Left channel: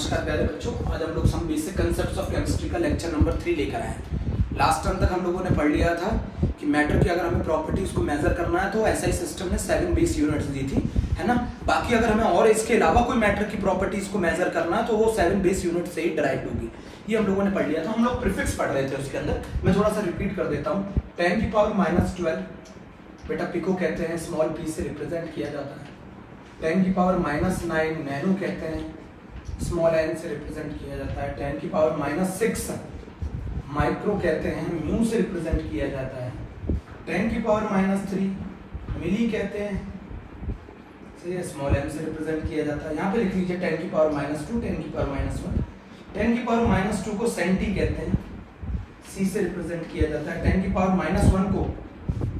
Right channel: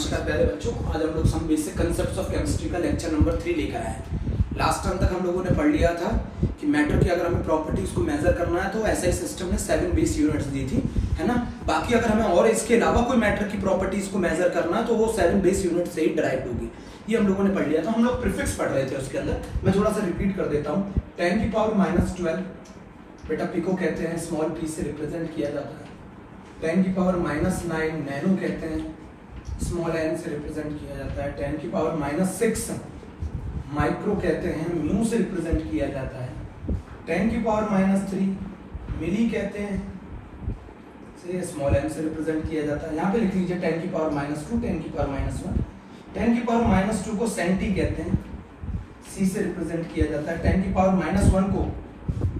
नमस्कार प्यारे बच्चों, आज हम लोग some basic concepts of chemistry का लेक्चर नंबर 3 लेकर आए हैं। लास्ट टर्म तक हम लोगों ने पढ़ लिया था कि मैटर की अगर हमें प्रॉपर्टीज को मेजर करना है तो एसआई सिस्टम ने 7 बेस यूनिट्स दी थी, है ना। बाकी अगर हमें और इसके अलावा कोई मैटर की प्रॉपर्टीज को मेजर करना है तो वो 7 बेस यूनिट से ही डिराइव होगी। ये हम लोगों ने पढ़ लिया था। हम लोग प्रीफिक्स पढ़ रहे थे उसके अंदर। मैं थोड़ा सा रिपीट कर देता हूँ। 10 की पावर -12 बेटा पिको कहते हैं, स्मॉल पी से रिप्रेजेंट किया जाता है। 10 की पावर -9 नैनो कहते हैं, स्मॉल एन से रिप्रेजेंट किया जाता है। 10 की पावर -6 माइक्रो कहते हैं, म्यू से रिप्रेजेंट किया जाता है। 10 की पावर -3 मिली कहते हैं, स्मॉल एम से रिप्रेजेंट किया जाता है। यहाँ पे लिख लीजिए 10 की पावर -2, 10 की पावर -1। 10 की पावर -2 को सेंटी कहते हैं, सी से रिप्रेजेंट किया जाता है। 10 की पावर -1 को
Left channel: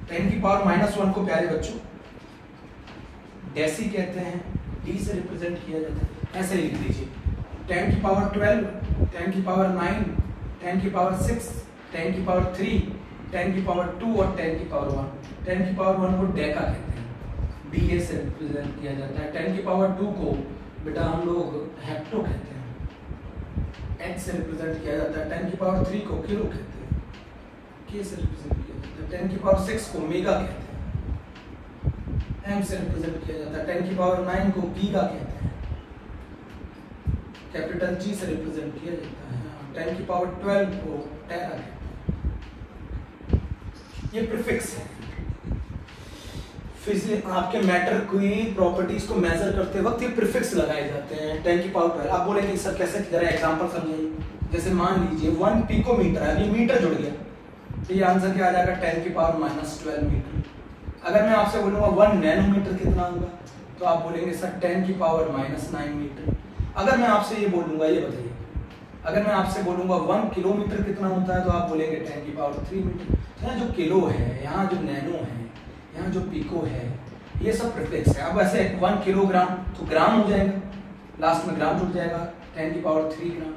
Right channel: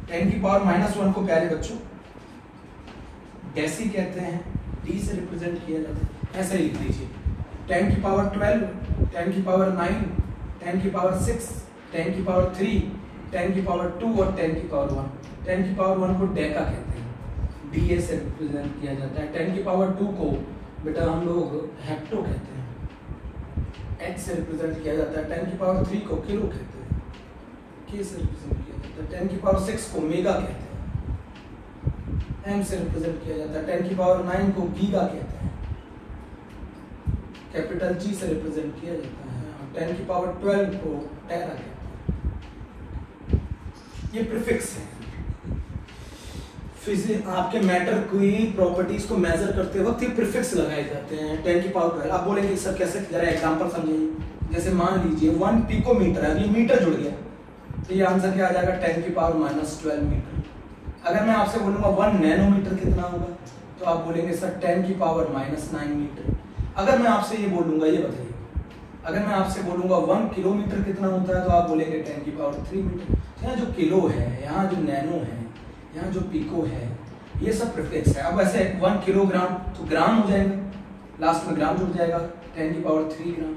10 की पावर -1 को प्यारे बच्चों डेसी कहते हैं, डी से रिप्रेजेंट किया जाता है। ऐसे लिख लीजिए 10 की पावर 12, 10 की पावर 9, 10 की पावर 6, 10 की पावर 3, 10 की पावर 2 और 10 की पावर 1। 10 की पावर 1 को डेका कहते हैं, डी से रिप्रेजेंट किया जाता है। 10 की पावर 2 को बेटा हम लोग हेप्टो कहते हैं, एच से रिप्रेजेंट किया जाता है। 10 की पावर 3 को किलो कहते हैं, के से रिप्रेजेंट किया जाता है। 10 की पावर 6 को मेगा कहते हैं, एम से रिप्रेजेंट किया जाता है। 10 की पावर 9 को गीगा कहते हैं, कैपिटल जी से रिप्रेजेंट किया जाता है। 10 की पावर 12 को टेरा कहते हैं। ये प्रीफिक्स है। फिर आपके मैटर की प्रॉपर्टीज को मेजर करते वक्त ये प्रीफिक्स लगाए जाते हैं। 10 की पावर 12 आप बोलेंगे सर कैसे, जरा एग्जांपल समझिए। जैसे मान लीजिए 1 पिकोमीटर है, ये मीटर जुड़ गया तो ये आंसर क्या आ जाएगा 10 की पावर -12 मीटर। अगर मैं आपसे बोलूंगा 1 नैनोमीटर कितना होगा तो आप बोलेंगे सर 10 की पावर -9 मीटर। अगर मैं आपसे ये बोलूंगा, ये बताइए, अगर मैं आपसे बोलूंगा 1 किलोमीटर कितना होता है तो आप बोलेंगे 10 की पावर 3 मीटर। यहाँ जो किलो है, यहाँ जो नैनो है, यहाँ जो पिको है, ये सब प्रीफिक्स है। अब ऐसे 1 किलोग्राम तो ग्राम हो जाएगा, लास्ट में ग्राम जुड़ जाएगा, 10 की पावर 3 ग्राम।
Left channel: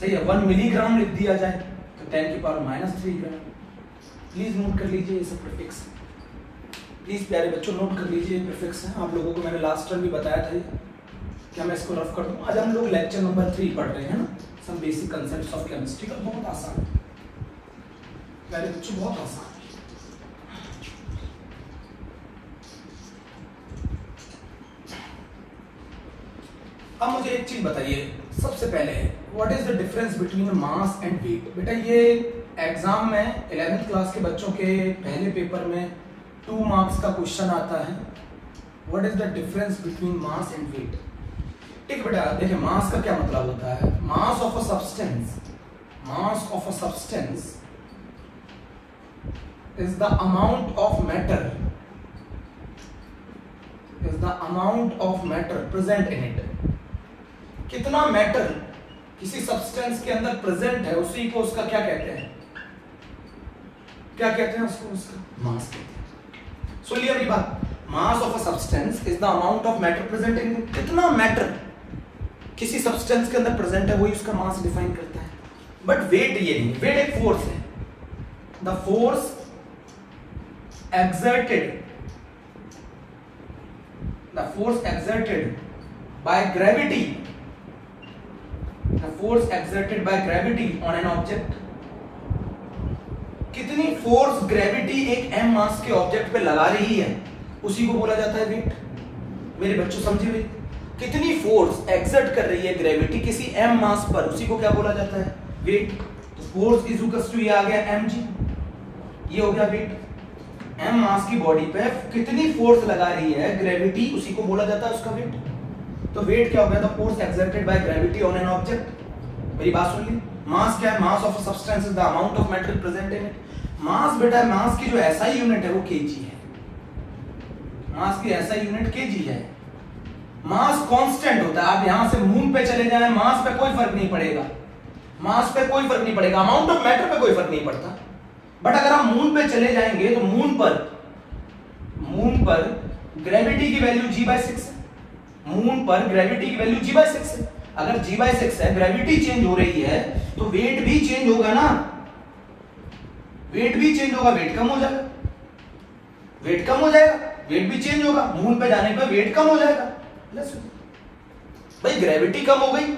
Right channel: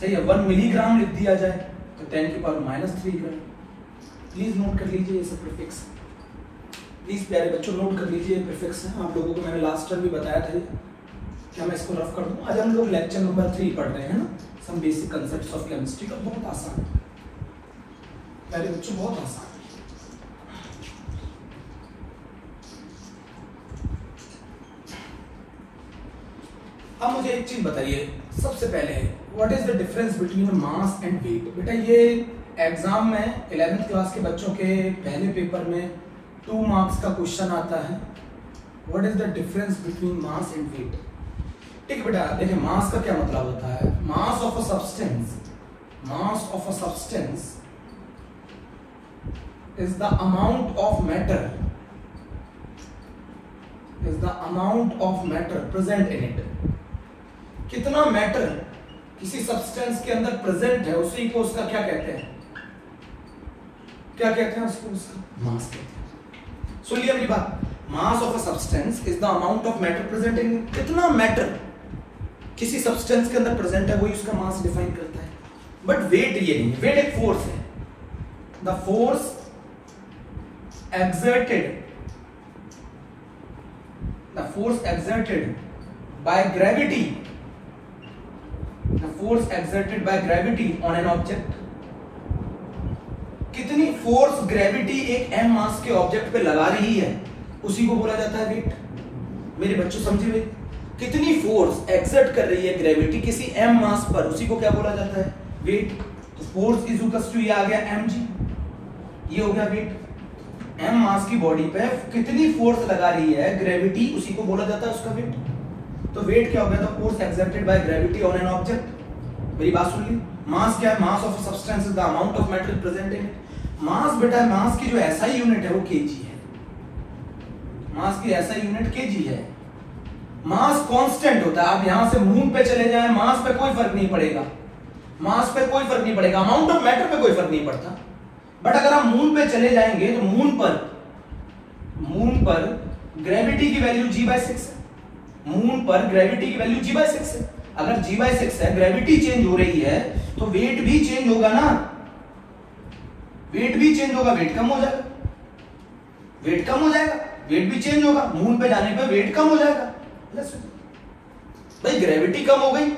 सही है। 1 मिलीग्राम लिख दिया जाए तो 10 की पावर -3 ग्राम। प्लीज नोट कर लीजिए, ये सब प्रीफिक्स है। प्लीज प्यारे बच्चों नोट कर लीजिए, ये प्रीफिक्स है। आप लोगों को मैंने लास्ट टाइम भी बताया था। क्या मैं इसको रफ कर दूं? आज हम लोग लेक्चर नंबर 3 पढ़ रहे हैं ना, some basic concepts of chemistry का। बहुत आसान है प्यारे बच्चों, बहुत आसान। अब मुझे एक चीज बताइए सबसे पहले, what is the difference between mass and weight. बेटा ये एग्जाम में 11th क्लास के बच्चों के पहले पेपर में 2 मार्क्स का क्वेश्चन आता है। What is the difference between mass and weight. ठीक बेटा, देखिए मास का क्या मतलब होता है। Mass of a substance, mass of a substance is the amount of matter, is the amount of matter present in it. कितना मैटर किसी सब्सटेंस के अंदर प्रेजेंट है उसी को उसका क्या कहते हैं, क्या कहते हैं उसको, उसका मास कहते हैं। सुनिए मेरी बात, मास of a substance is the amount of matter present in it. कितना मैटर किसी सब्सटेंस के अंदर प्रेजेंट है वही उसका मास डिफाइन करता है। बट वेट ये नहीं, वेट एक फोर्स है। The force exerted, the force exerted by gravity, the force exerted by gravity on an object। कितनी फोर्स ग्रेविटी एक m मास के ऑब्जेक्ट पे लगा रही है उसी को बोला जाता है वेट। मेरे बच्चों समझिए, कितनी फोर्स एक्सर्ट कर रही है ग्रेविटी किसी m मास पर उसी को क्या बोला जाता है वेट। तो फोर्स इज इक्वल टू ये आ गया mg, ये हो गया वेट। m मास की बॉडी पे कितनी फोर्स लगा रही है ग्रेविटी उसी को बोला जाता है उसका वेट। तो वेट क्या हो गया, the force exerted by gravity on an object. मेरी बात सुन ली, मास क्या है, mass of a substance is the amount of matter present in it. Mass बेटा, मास की जो एसआई यूनिट है वो केजी है। मास की एसआई यूनिट केजी है। मास कांस्टेंट होता है। आप यहां से मून पे चले जाएं, मास पे कोई फर्क नहीं पड़ेगा, मास पे कोई फर्क नहीं पड़ेगा, अमाउंट ऑफ मैटर पे कोई फर्क नहीं पड़ता। बट अगर आप मून पे चले जाएंगे तो मून पर ग्रेविटी की वैल्यू g/6 है। मून पर ग्रेविटी की वैल्यू g/6 है। अगर g/6 है, ग्रेविटी चेंज हो रही है तो वेट भी चेंज होगा ना, वेट भी चेंज होगा, वेट कम हो जाएगा, वेट कम हो जाएगा, वेट भी चेंज होगा। मून पे जाने पे वेट कम हो जाएगा। भाई ग्रेविटी कम हो गई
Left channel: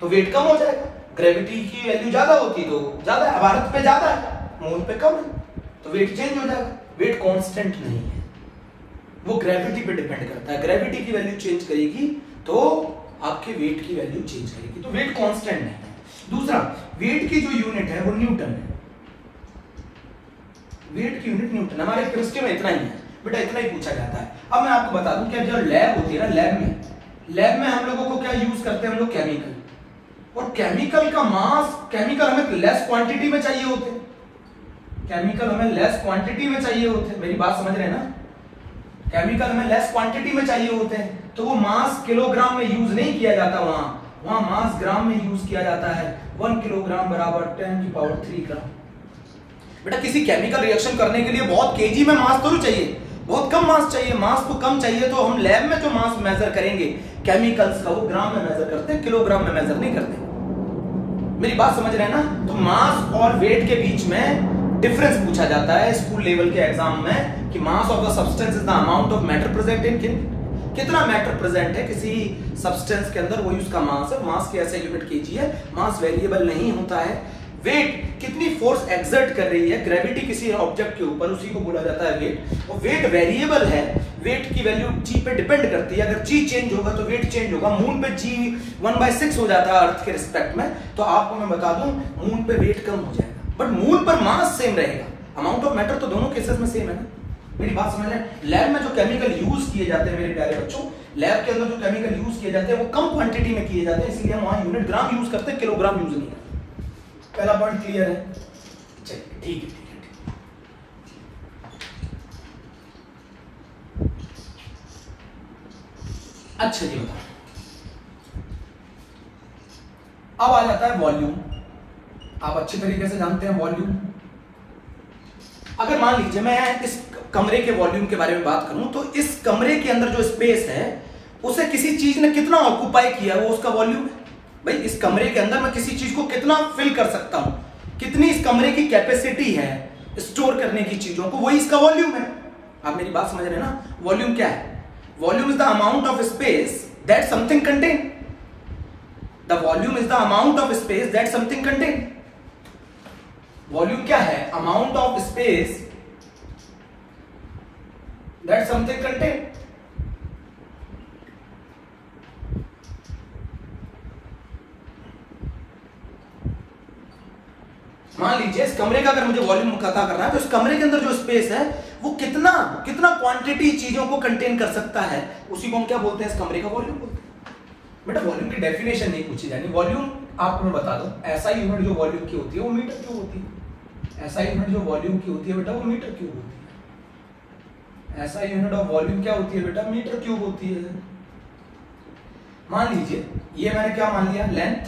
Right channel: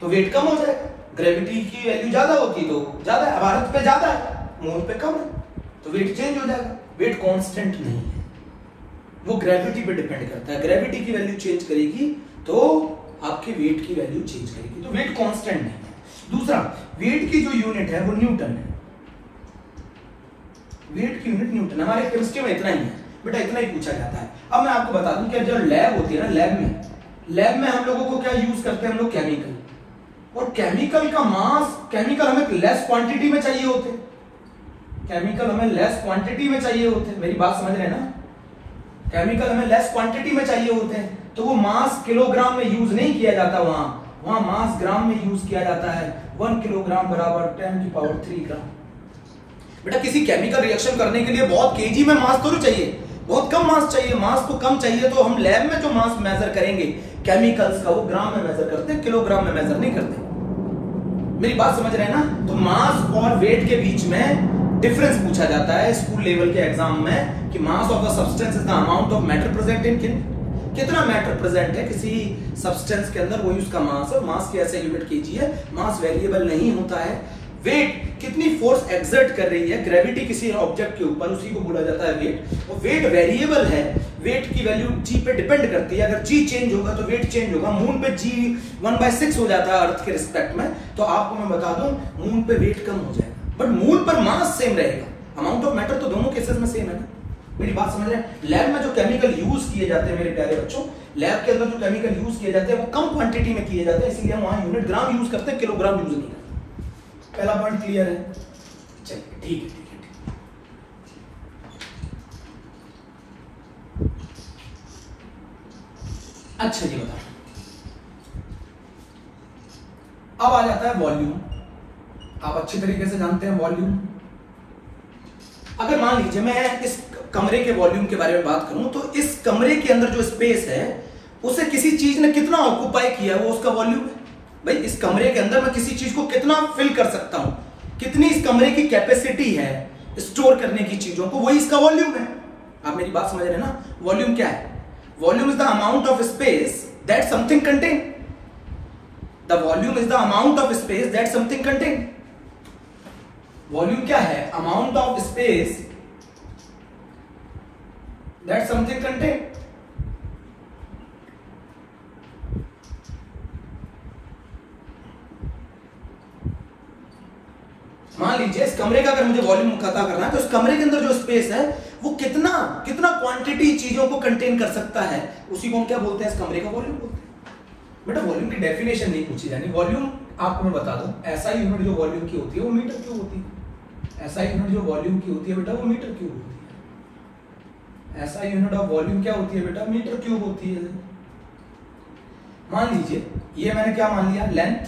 तो वेट कम हो जाएगा। ग्रेविटी की वैल्यू ज्यादा होती तो ज्यादा है, भारत पे ज्यादा है, मून पे कम है, तो वेट चेंज हो जाएगा। वेट कांस्टेंट नहीं है, वो ग्रेविटी पे डिपेंड करता है। ग्रेविटी की वैल्यू चेंज करेगी तो आपके वेट की वैल्यू चेंज करेगी, तो वेट कांस्टेंट नहीं है। दूसरा, वेट की जो यूनिट है वो न्यूटन है। वेट की यूनिट न्यूटन, हमारे केमिस्ट्री में इतना ही है बेटा, इतना ही पूछा जाता है। अब मैं आपको बता दूं कि जब लैब होती है ना, लैब में हम लोगों को क्या यूज करते हैं हम लोग, केमिकल। और केमिकल का मास, केमिकल हमें लेस क्वांटिटी में चाहिए होते, केमिकल हमें लेस क्वांटिटी में चाहिए होते, मेरी बात समझ रहे हैं ना, केमिकल हमें लेस क्वांटिटी में चाहिए होते हैं, तो वो मास किलोग्राम में यूज नहीं किया जाता, वहां मास ग्राम में यूज किया जाता है। 1 किलोग्राम बराबर 10⁻³ ग्राम। बेटा किसी केमिकल रिएक्शन करने के लिए बहुत केजी में मास तो चाहिए, बहुत कम मास चाहिए, मास तो कम चाहिए, तो हम लैब में जो मास मेजर करेंगे केमिकल्स का वो ग्राम में मेजर करते हैं, किलोग्राम में मेजर नहीं करते। मेरी बात समझ रहे हैं ना। तो मास और वेट के बीच में डिफरेंस पूछा जाता है स्कूल लेवल के एग्जाम में कि mass of the substance is the amount of matter present इन, कितना मैटर प्रेजेंट है किसी सब्सटेंस के अंदर, वही उसका मास है। मास की ऐसे यूनिट केजी है, मास वेरिएबल नहीं होता है। वेट कितनी फोर्स एक्सर्ट कर रही है ग्रेविटी किसी ऑब्जेक्ट के ऊपर, उसी को बोला जाता है वेट। और वेट वेरिएबल है, वेट की वैल्यू जी पे डिपेंड करती है। अगर जी चेंज होगा तो वेट चेंज होगा। मून पे जी 1/6 हो जाता है अर्थ के रिस्पेक्ट में, तो आपको मैं बता दूं मून पे वेट कम हो जाएगा, बट मून पर मास सेम रहेगा। अमाउंट ऑफ मैटर तो दोनों केसेस में सेम है ना, मेरी बात समझ रहे हैं। लैब में जो केमिकल यूज किए जाते हैं मेरे प्यारे बच्चों, लैब के अंदर जो केमिकल यूज किए जाते हैं वो कम क्वांटिटी में किए जाते हैं, इसलिए हम वहां यूनिट ग्राम यूज करते हैं, किलोग्राम यूज नहीं करते। पहला पॉइंट क्लियर है? चलिए ठीक है। अच्छा जी बता, अब आ जाता है वॉल्यूम। आप अच्छी तरीके से जानते हैं वॉल्यूम। अगर मान लीजिए मैं इस कमरे के वॉल्यूम के बारे में बात करूं, तो इस कमरे के अंदर जो स्पेस है उसे किसी चीज ने कितना ऑक्यूपाई किया वो उसका वॉल्यूम है। भाई इस कमरे के अंदर मैं किसी चीज को कितना फिल कर सकता हूं, कितनी इस कमरे की कैपेसिटी है स्टोर करने की चीजों को, वही इसका वॉल्यूम है। आप मेरी बात समझ रहे हैं ना। वॉल्यूम क्या है? Volume is the amount of space that something contain. The volume is the amount of space that something contain. Volume क्या है? Amount of space that something contain. मान लीजिए इस कमरे का अगर मुझे वॉल्यूम पता करना है, तो इस कमरे के अंदर जो स्पेस है वो कितना क्वांटिटी चीजों को कंटेन कर सकता है, उसी को हम क्या बोलते हैं? इस कमरे का वॉल्यूम बोलते हैं। बेटा वॉल्यूम की डेफिनेशन नहीं पूछी जानी। वॉल्यूम आपको मैं बता दूं, ऐसा यूनिट जो वॉल्यूम की होती है वो मीटर क्यूब होती है। ऐसा यूनिट जो वॉल्यूम की होती है बेटा वो मीटर क्यूब होती है। ऐसा यूनिट ऑफ वॉल्यूम क्या होती है बेटा? मीटर क्यूब होती है। मान लीजिए ये मैंने क्या मान लिया? लेंथ।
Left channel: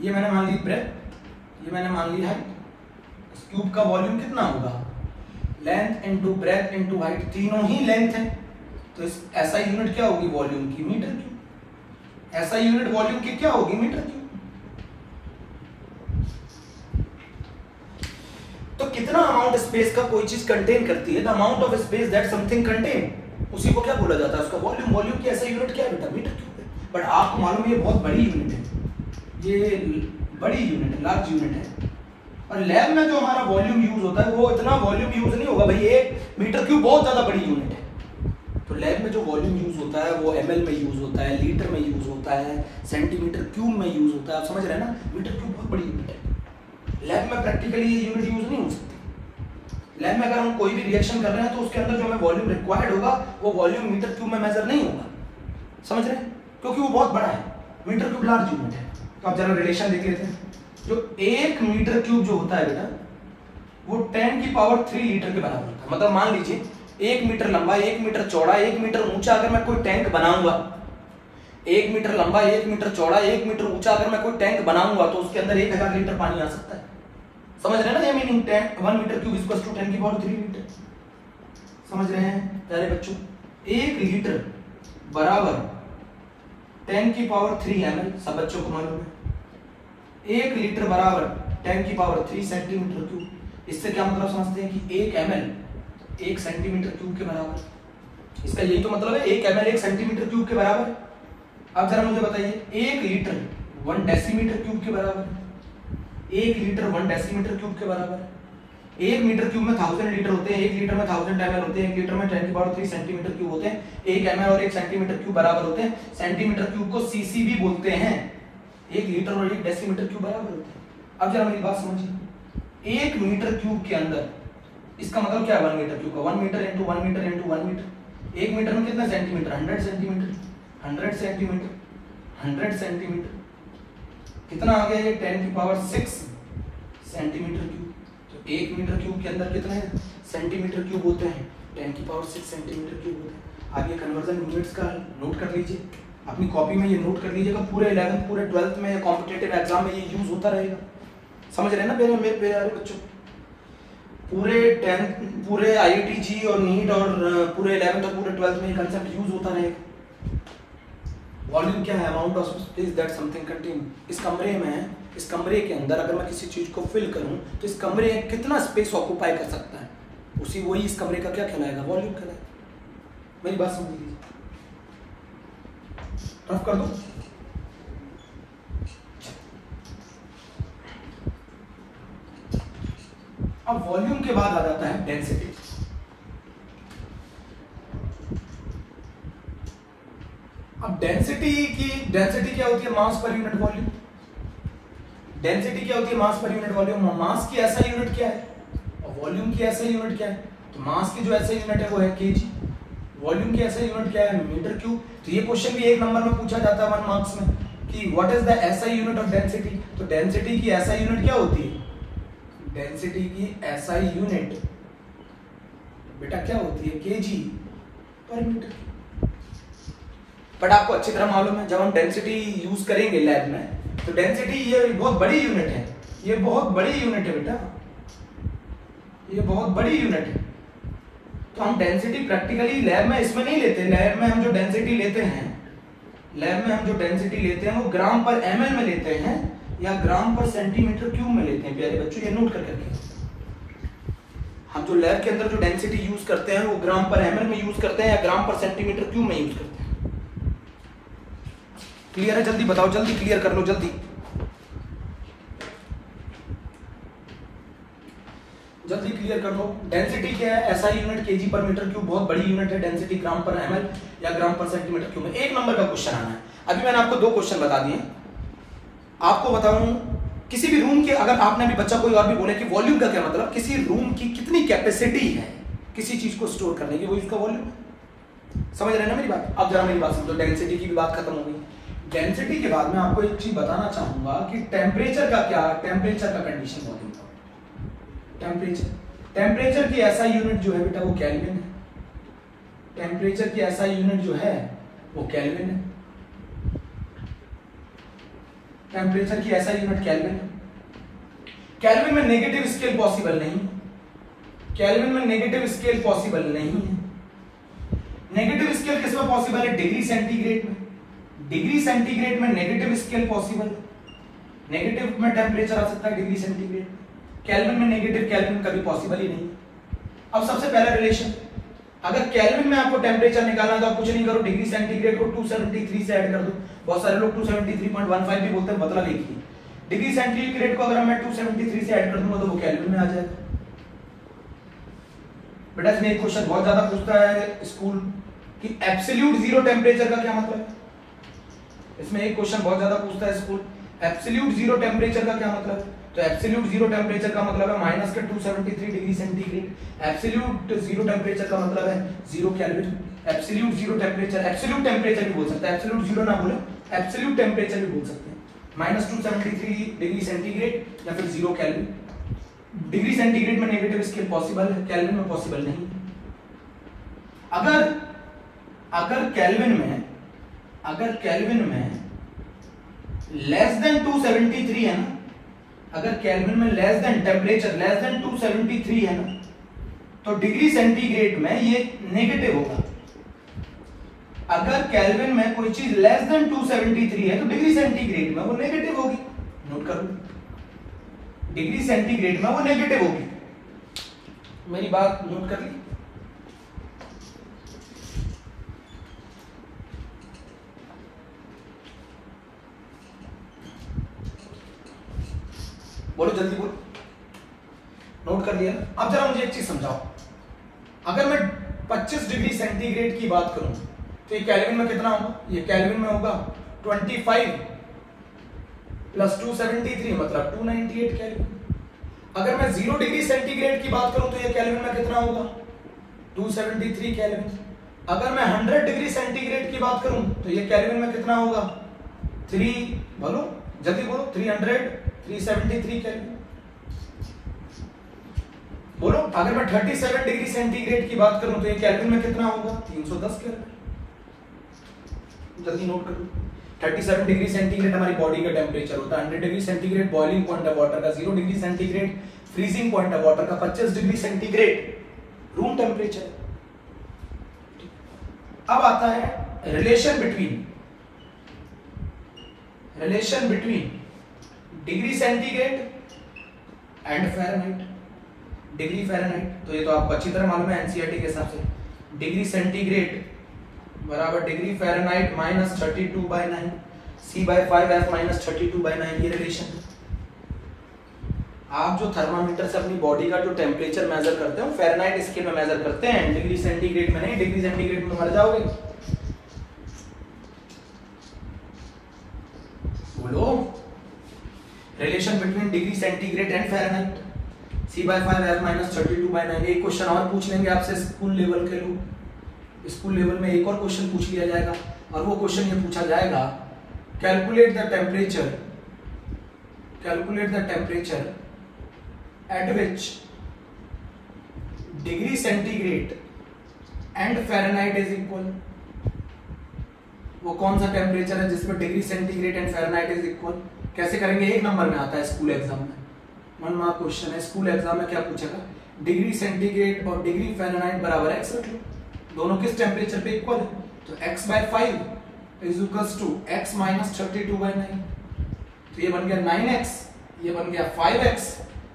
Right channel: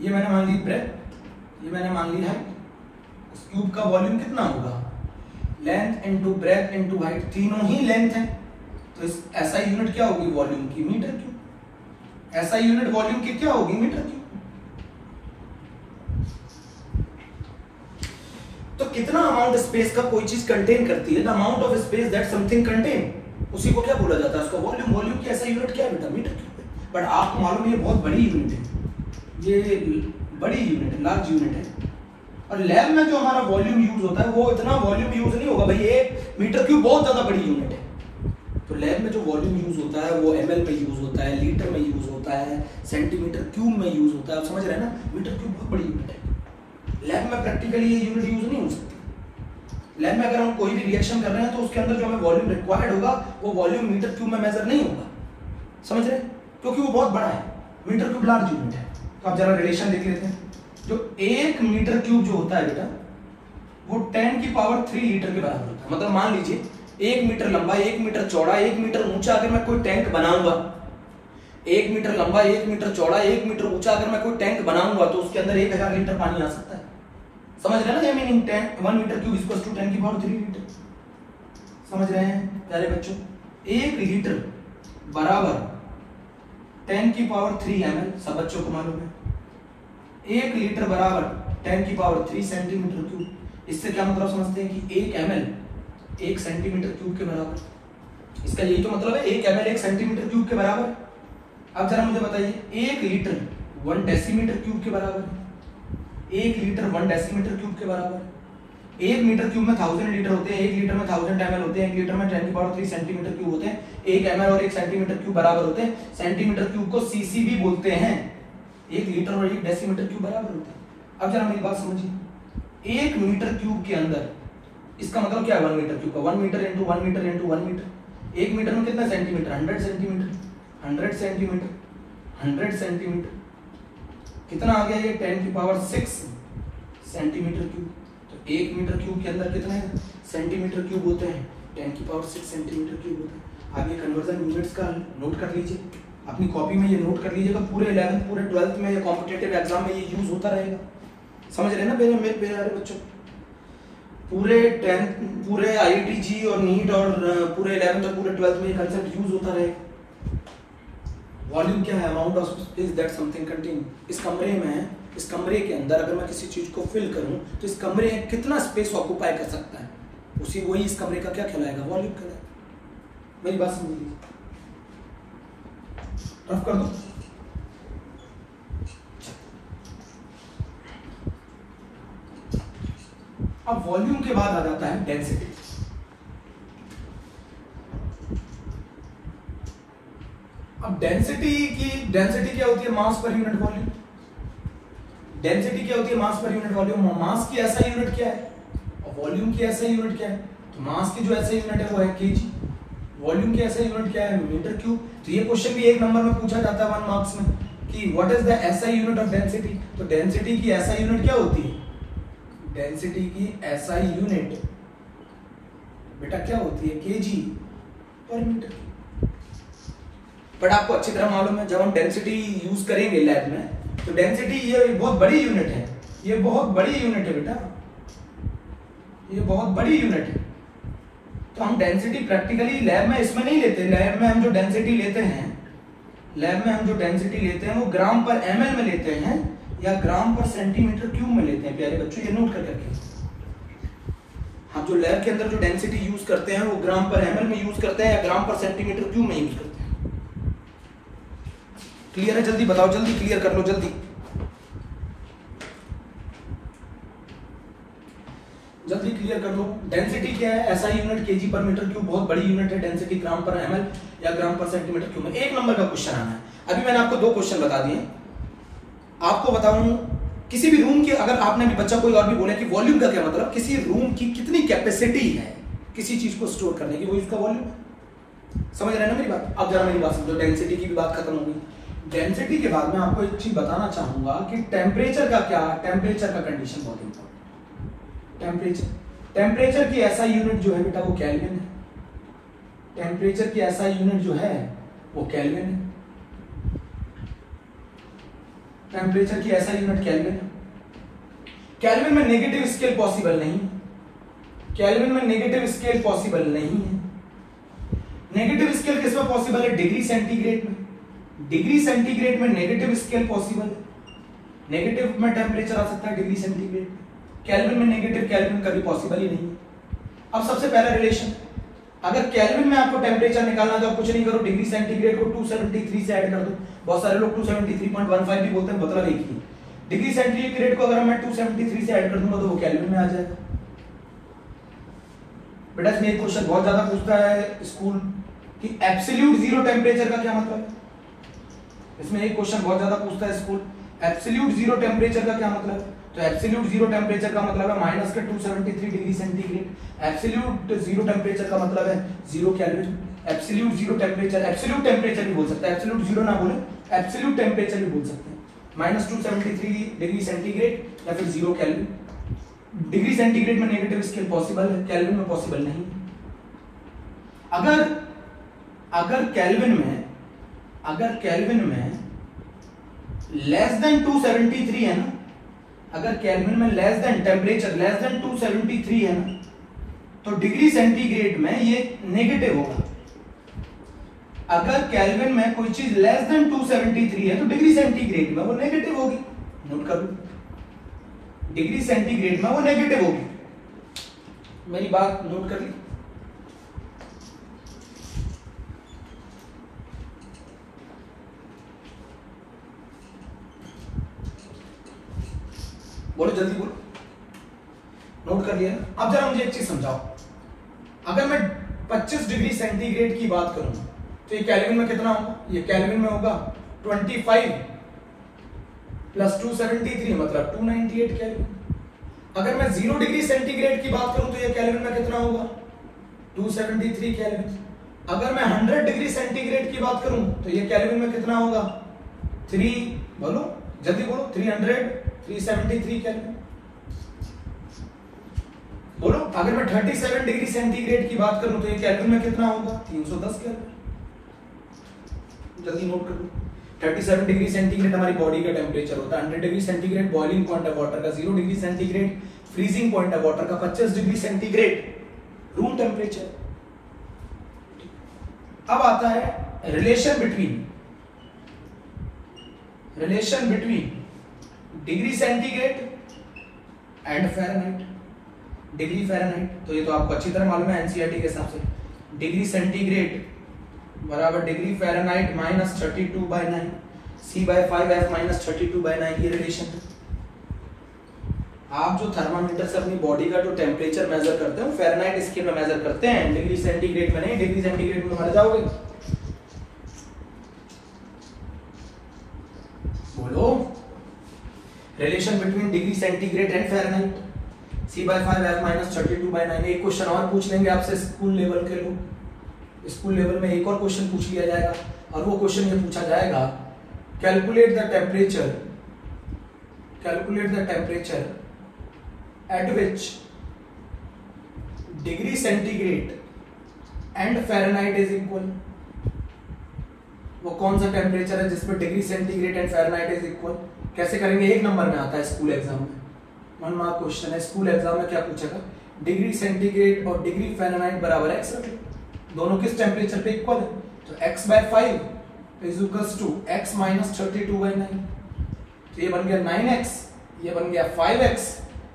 ये मैंने मान ली ब्रेथ। ये मैंने मान ली हाइट। इस क्यूब का वॉल्यूम कितना होगा? Length into breadth into height, तीनों ही लेंथ है, तो इस ऐसा यूनिट क्या होगी वॉल्यूम की? Metre cube. ऐसा यूनिट वॉल्यूम की क्या होगी? Metre cube. तो कितना अमाउंट स्पेस का कोई चीज कंटेन करती है, the amount of space that something contain, उसी को क्या बोला जाता है? उसका वॉल्यूम। वॉल्यूम की ऐसा यूनिट क्या है बेटा? मीटर क्यूब है। बट आपको मालूम ये बहुत बड़ी यूनिट है, ये बड़ी यूनिट है, लार्ज यूनिट है। और लैब में जो हमारा वॉल्यूम यूज होता है वो इतना वॉल्यूम यूज नहीं होगा। भाई 1 मीटर क्यूब बहुत ज्यादा बड़ी यूनिट है। तो लैब में जो वॉल्यूम यूज होता है वो ml में यूज होता है, लीटर में यूज होता है, सेंटीमीटर क्यूब में यूज होता है। आप समझ रहे हैं ना? मीटर क्यूब बहुत बड़ी यूनिट है। लैब में प्रैक्टिकली ये यूनिट यूज नहीं हो सकती। लैब में अगर हम कोई भी रिएक्शन कर रहे हैं तो उसके अंदर जो हमें वॉल्यूम रिक्वायर्ड होगा वो वॉल्यूम मीटर क्यूब में मेजर नहीं होगा। समझ रहे हैं? क्योंकि वो बहुत बड़ा है। मीटर क्यूब लार्ज यूनिट है। तो आप जरा रिलेशन देख लेते हैं। जो 1 मीटर क्यूब जो होता है बेटा वो 10⁻³ लीटर के बराबर होता है। मतलब मान लीजिए 1 मीटर लंबा, 1 मीटर चौड़ा, 1 मीटर ऊंचा अगर मैं कोई टैंक बनाऊंगा, 1 मीटर लंबा, 1 मीटर चौड़ा, 1 मीटर ऊंचा अगर मैं कोई टैंक बनाऊंगा तो उसके अंदर 1000 लीटर पानी आ सकता है। समझ रहे हैं ना? ये meaning 1 metre cube equal to 10⁻³ litre. समझ रहे हैं प्यारे बच्चों? 1 लीटर बराबर 10⁻³ ml, सब बच्चों को मालूम है। 1 लीटर बराबर 10⁻³ सेंटीमीटर क्यूब। इससे क्या मतलब समझते हैं कि 1 ml 1 सेंटीमीटर क्यूब के बराबर। इसका यही तो मतलब है, 1 ml 1 सेंटीमीटर क्यूब के बराबर। अब जरा मुझे बताइए 1 लीटर 1 डेसीमीटर क्यूब के बराबर है। 1 लीटर 1 डेसीमीटर क्यूब के बराबर है। 1 मीटर क्यूब में 1000 लीटर होते हैं, 1 लीटर में 1000 ml होते हैं, 1 लीटर में 10 की पावर 3 सेंटीमीटर क्यूब होते हैं। 1 ml और 1 सेंटीमीटर क्यूब बराबर होते हैं। सेंटीमीटर क्यूब को सीसी भी बोलते हैं। 1 लीटर और 1 डेसीमीटर क्यूब बराबर होते हैं। अब जरा मेरी बात समझिए, 1 मीटर क्यूब के अंदर, इसका मतलब क्या है 1 मीटर क्यूब का, 1 metre into 1 metre into 1 metre. 1 metre में कितना सेंटीमीटर, 100 सेंटीमीटर, 100 सेंटीमीटर, 100 सेंटीमीटर, कितना आ गया ये 10 की पावर 6 सेंटीमीटर क्यूब। तो 1 मीटर क्यूब के अंदर कितने सेंटीमीटर क्यूब होते हैं, 10 की पावर 6 सेंटीमीटर क्यूब होते हैं। आप ये कन्वर्जन यूनिट्स का नोट कर लीजिए, अपनी कॉपी में ये नोट कर लीजिएगा। पूरे 11th पूरे 12th में कॉम्पिटिटिव एग्जाम में ये यूज होता रहेगा। समझ रहे ना मेरे प्यारे बच्चों? पूरे 10th पूरे IIT और नीट और पूरे 11th और पूरे 12th में ये कंसेप्ट यूज होता रहेगा। वॉल्यूम क्या है, amount of space that something contain. इस कमरे में, इस कमरे के अंदर अगर मैं किसी चीज को फिल करूं तो इस कमरे में कितना स्पेस ऑक्यूपाई कर सकता है, उसी वही इस कमरे का क्या कहलाएगा, वॉल्यूम कहलाएगा। मेरी बात समझ लीजिए, रफ कर दो। अब वॉल्यूम के बाद आ जाता है डेंसिटी। अब डेंसिटी क्या होती है, मास पर यूनिट वॉल्यूम। डेंसिटी क्या होती है, मास पर यूनिट वॉल्यूम। मास की ऐसा यूनिट क्या है और वॉल्यूम की ऐसा यूनिट क्या है? तो मास की जो ऐसा यूनिट है वो है केजी, वॉल्यूम की ऐसा यूनिट क्या है, मीटर क्यूब। तो ये क्वेश्चन भी 1 नंबर में पूछा जाता है 1 मार्क्स में कि what is the SI unit of density. तो डेंसिटी की एसआई यूनिट क्या होती है, डेंसिटी की एसआई यूनिट बेटा क्या होती है, केजी पर मीटर। बट आपको अच्छी तरह मालूम है जब हम डेंसिटी यूज करेंगे लैब में, तो डेंसिटी ये बहुत बड़ी यूनिट है, ये बहुत बड़ी यूनिट है बेटा, ये बहुत बड़ी यूनिट है। तो हम डेंसिटी प्रैक्टिकली लैब में इसमें नहीं लेते। लैब में हम जो डेंसिटी लेते हैं, लैब में हम जो डेंसिटी लेते हैं वो ग्राम पर ml में लेते हैं या ग्राम पर सेंटीमीटर क्यूब में लेते हैं। प्यारे बच्चों ये नोट कर करके, हम जो लैब के अंदर जो डेंसिटी यूज करते हैं वो ग्राम पर ml में यूज करते हैं या ग्राम पर सेंटीमीटर क्यूब में यूज करते हैं। क्लियर है? जल्दी बताओ, जल्दी क्लियर कर लो, जल्दी जल्दी क्लियर कर लो। डेंसिटी क्या है, ऐसा यूनिट केजी पर मीटर क्यूब, बहुत बड़ी यूनिट है। डेंसिटी ग्राम पर ml या ग्राम पर सेंटीमीटर क्यूब में। 1 नंबर का क्वेश्चन आना है। अभी मैंने आपको 2 क्वेश्चन बता दिए। आपको बताऊं किसी भी रूम के, अगर आपने भी बच्चा कोई और भी बोले कि वॉल्यूम का क्या मतलब, किसी रूम की कितनी कैपेसिटी है किसी चीज को स्टोर करने की, वो इसका वॉल्यूम है। समझ रहे हैं ना मेरी बात? अब जरा मेरी बात समझो, डेंसिटी की भी बात खत्म हो गई। डेंसिटी के बाद मैं आपको एक चीज बताना चाहूंगा कि टेम्परेचर का क्या, टेम्परेचर का कंडीशन बहुत इंपॉर्टेंट। टेम्परेचर की ऐसा यूनिट जो है बेटा वो केल्विन है। टेम्परेचर की ऐसा यूनिट जो है वो केल्विन है। टेम्परेचर की ऐसा यूनिट केल्विन है। केल्विन में नेगेटिव स्केल पॉसिबल नहीं, केल्विन में नेगेटिव स्केल पॉसिबल नहीं है। नेगेटिव स्केल किस में पॉसिबल है, डिग्री सेंटीग्रेड में। डिग्री सेंटीग्रेड में नेगेटिव स्केल पॉसिबल है। नेगेटिव में टेम्परेचर आ सकता है डिग्री सेंटीग्रेड। केल्विन में नेगेटिव, केल्विन कभी पॉसिबल ही नहीं। अब सबसे पहला रिलेशन, अगर केल्विन में आपको टेम्परेचर निकालना तो आप कुछ नहीं करो, डिग्री सेंटीग्रेड को 273 से ऐड कर दो। बहुत सारे लोग 273.15 भी बोलते हैं, मतलब एक ही। डिग्री सेंटीग्रेड को अगर मैं 273 से ऐड कर दूंगा तो वो केल्विन में आ जाएगा। बेटा इसमें एक क्वेश्चन बहुत ज्यादा पूछता है स्कूल कि एब्सोल्यूट जीरो टेम्परेचर का क्या मतलब है। इसमें एक क्वेश्चन बहुत ज्यादा पूछता है स्कूल, एब्सोल्यूट जीरो टेम्परेचर का क्या मतलब है। तो एब्सोल्यूट जीरो टेम्परेचर का मतलब है माइनस के 273 degree centigrade. Absolute zero temperature का मतलब है 0 kelvin. Absolute zero temperature, absolute temperature भी बोल सकते हैं, एब्सोल्यूट जीरो ना बोले, एब्सोल्यूट टेम्परेचर भी बोल सकते हैं। माइनस 273 डिग्री सेंटीग्रेड या फिर 0 केल्विन। डिग्री सेंटीग्रेड में नेगेटिव स्केल पॉसिबल है, केल्विन में पॉसिबल नहीं। अगर केल्विन में लेस देन 273 है ना, अगर केल्विन में less than temperature less than 273 है ना, तो डिग्री सेंटीग्रेड में ये नेगेटिव होगा। अगर केल्विन में कोई चीज लेस देन 273 है तो डिग्री सेंटीग्रेड में वो नेगेटिव होगी। नोट कर लो, डिग्री सेंटीग्रेड में वो नेगेटिव होगी। मेरी बात नोट कर ली? बोलो जल्दी बोलो, नोट कर लिया। अब जरा मुझे एक चीज समझाओ, अगर मैं 25 डिग्री सेंटीग्रेड की बात करूं तो ये केल्विन में कितना होगा? ये केल्विन में होगा 25 प्लस 273 मतलब 298 केल्विन। अगर मैं 0 डिग्री सेंटीग्रेड की बात करूं तो ये केल्विन में कितना होगा? 273 केल्विन। अगर मैं 100 डिग्री सेंटीग्रेड की बात करूं तो ये केल्विन में कितना होगा? 3 बोलो जल्दी बोलो, 373 केल्विन। बोलो अगर मैं 37 डिग्री सेंटीग्रेड की बात करूं तो ये केल्विन में कितना होगा? 310 केल्विन। जल्दी नोट कर लो। 37 डिग्री सेंटीग्रेड हमारी बॉडी का टेम्परेचर होता है, 100 डिग्री सेंटीग्रेड बॉइलिंग पॉइंट है वाटर का, 0 डिग्री सेंटीग्रेड फ्रीजिंग पॉइंट है वाटर का, 25 डिग्री सेंटीग्रेड रूम टेम्परेचर। अब आता है relation between degree centigrade and Fahrenheit. Degree Fahrenheit तो ये तो आपको अच्छी तरह मालूम है एनसीईआरटी के हिसाब से। डिग्री सेंटीग्रेड बराबर degree Fahrenheit minus 32/9 C/5F minus 32/9 ये रिलेशन है। आप जो थर्मामीटर से अपनी बॉडी का जो टेम्परेचर मेजर करते हो फ़ारेनहाइट स्केल में मेजर करते हैं, डिग्री सेंटीग्रेड में नहीं। डिग्री सेंटीग्रेड में मर जाओगे। बोलो relation between degree centigrade and Fahrenheit C/5F minus 32/9। एक क्वेश्चन और पूछ लेंगे आपसे स्कूल लेवल के लोग। स्कूल लेवल में एक और क्वेश्चन पूछ लिया जाएगा और वो क्वेश्चन ये पूछा जाएगा, calculate the temperature at which degree centigrade and Fahrenheit is equal। वो कौन सा टेम्परेचर है जिसमें degree centigrade and Fahrenheit is equal? कैसे करेंगे? एक नंबर में आता है स्कूल एग्जाम में, वन मार्क क्वेश्चन है। स्कूल एग्जाम में क्या पूछेगा? डिग्री सेंटीग्रेड और डिग्री फ़ारेनहाइट बराबर x रख लो, दोनों किस टेम्परेचर पे इक्वल है? तो x/5 is equals to x minus 32/9। तो ये बन गया 9x, ये बन गया 5x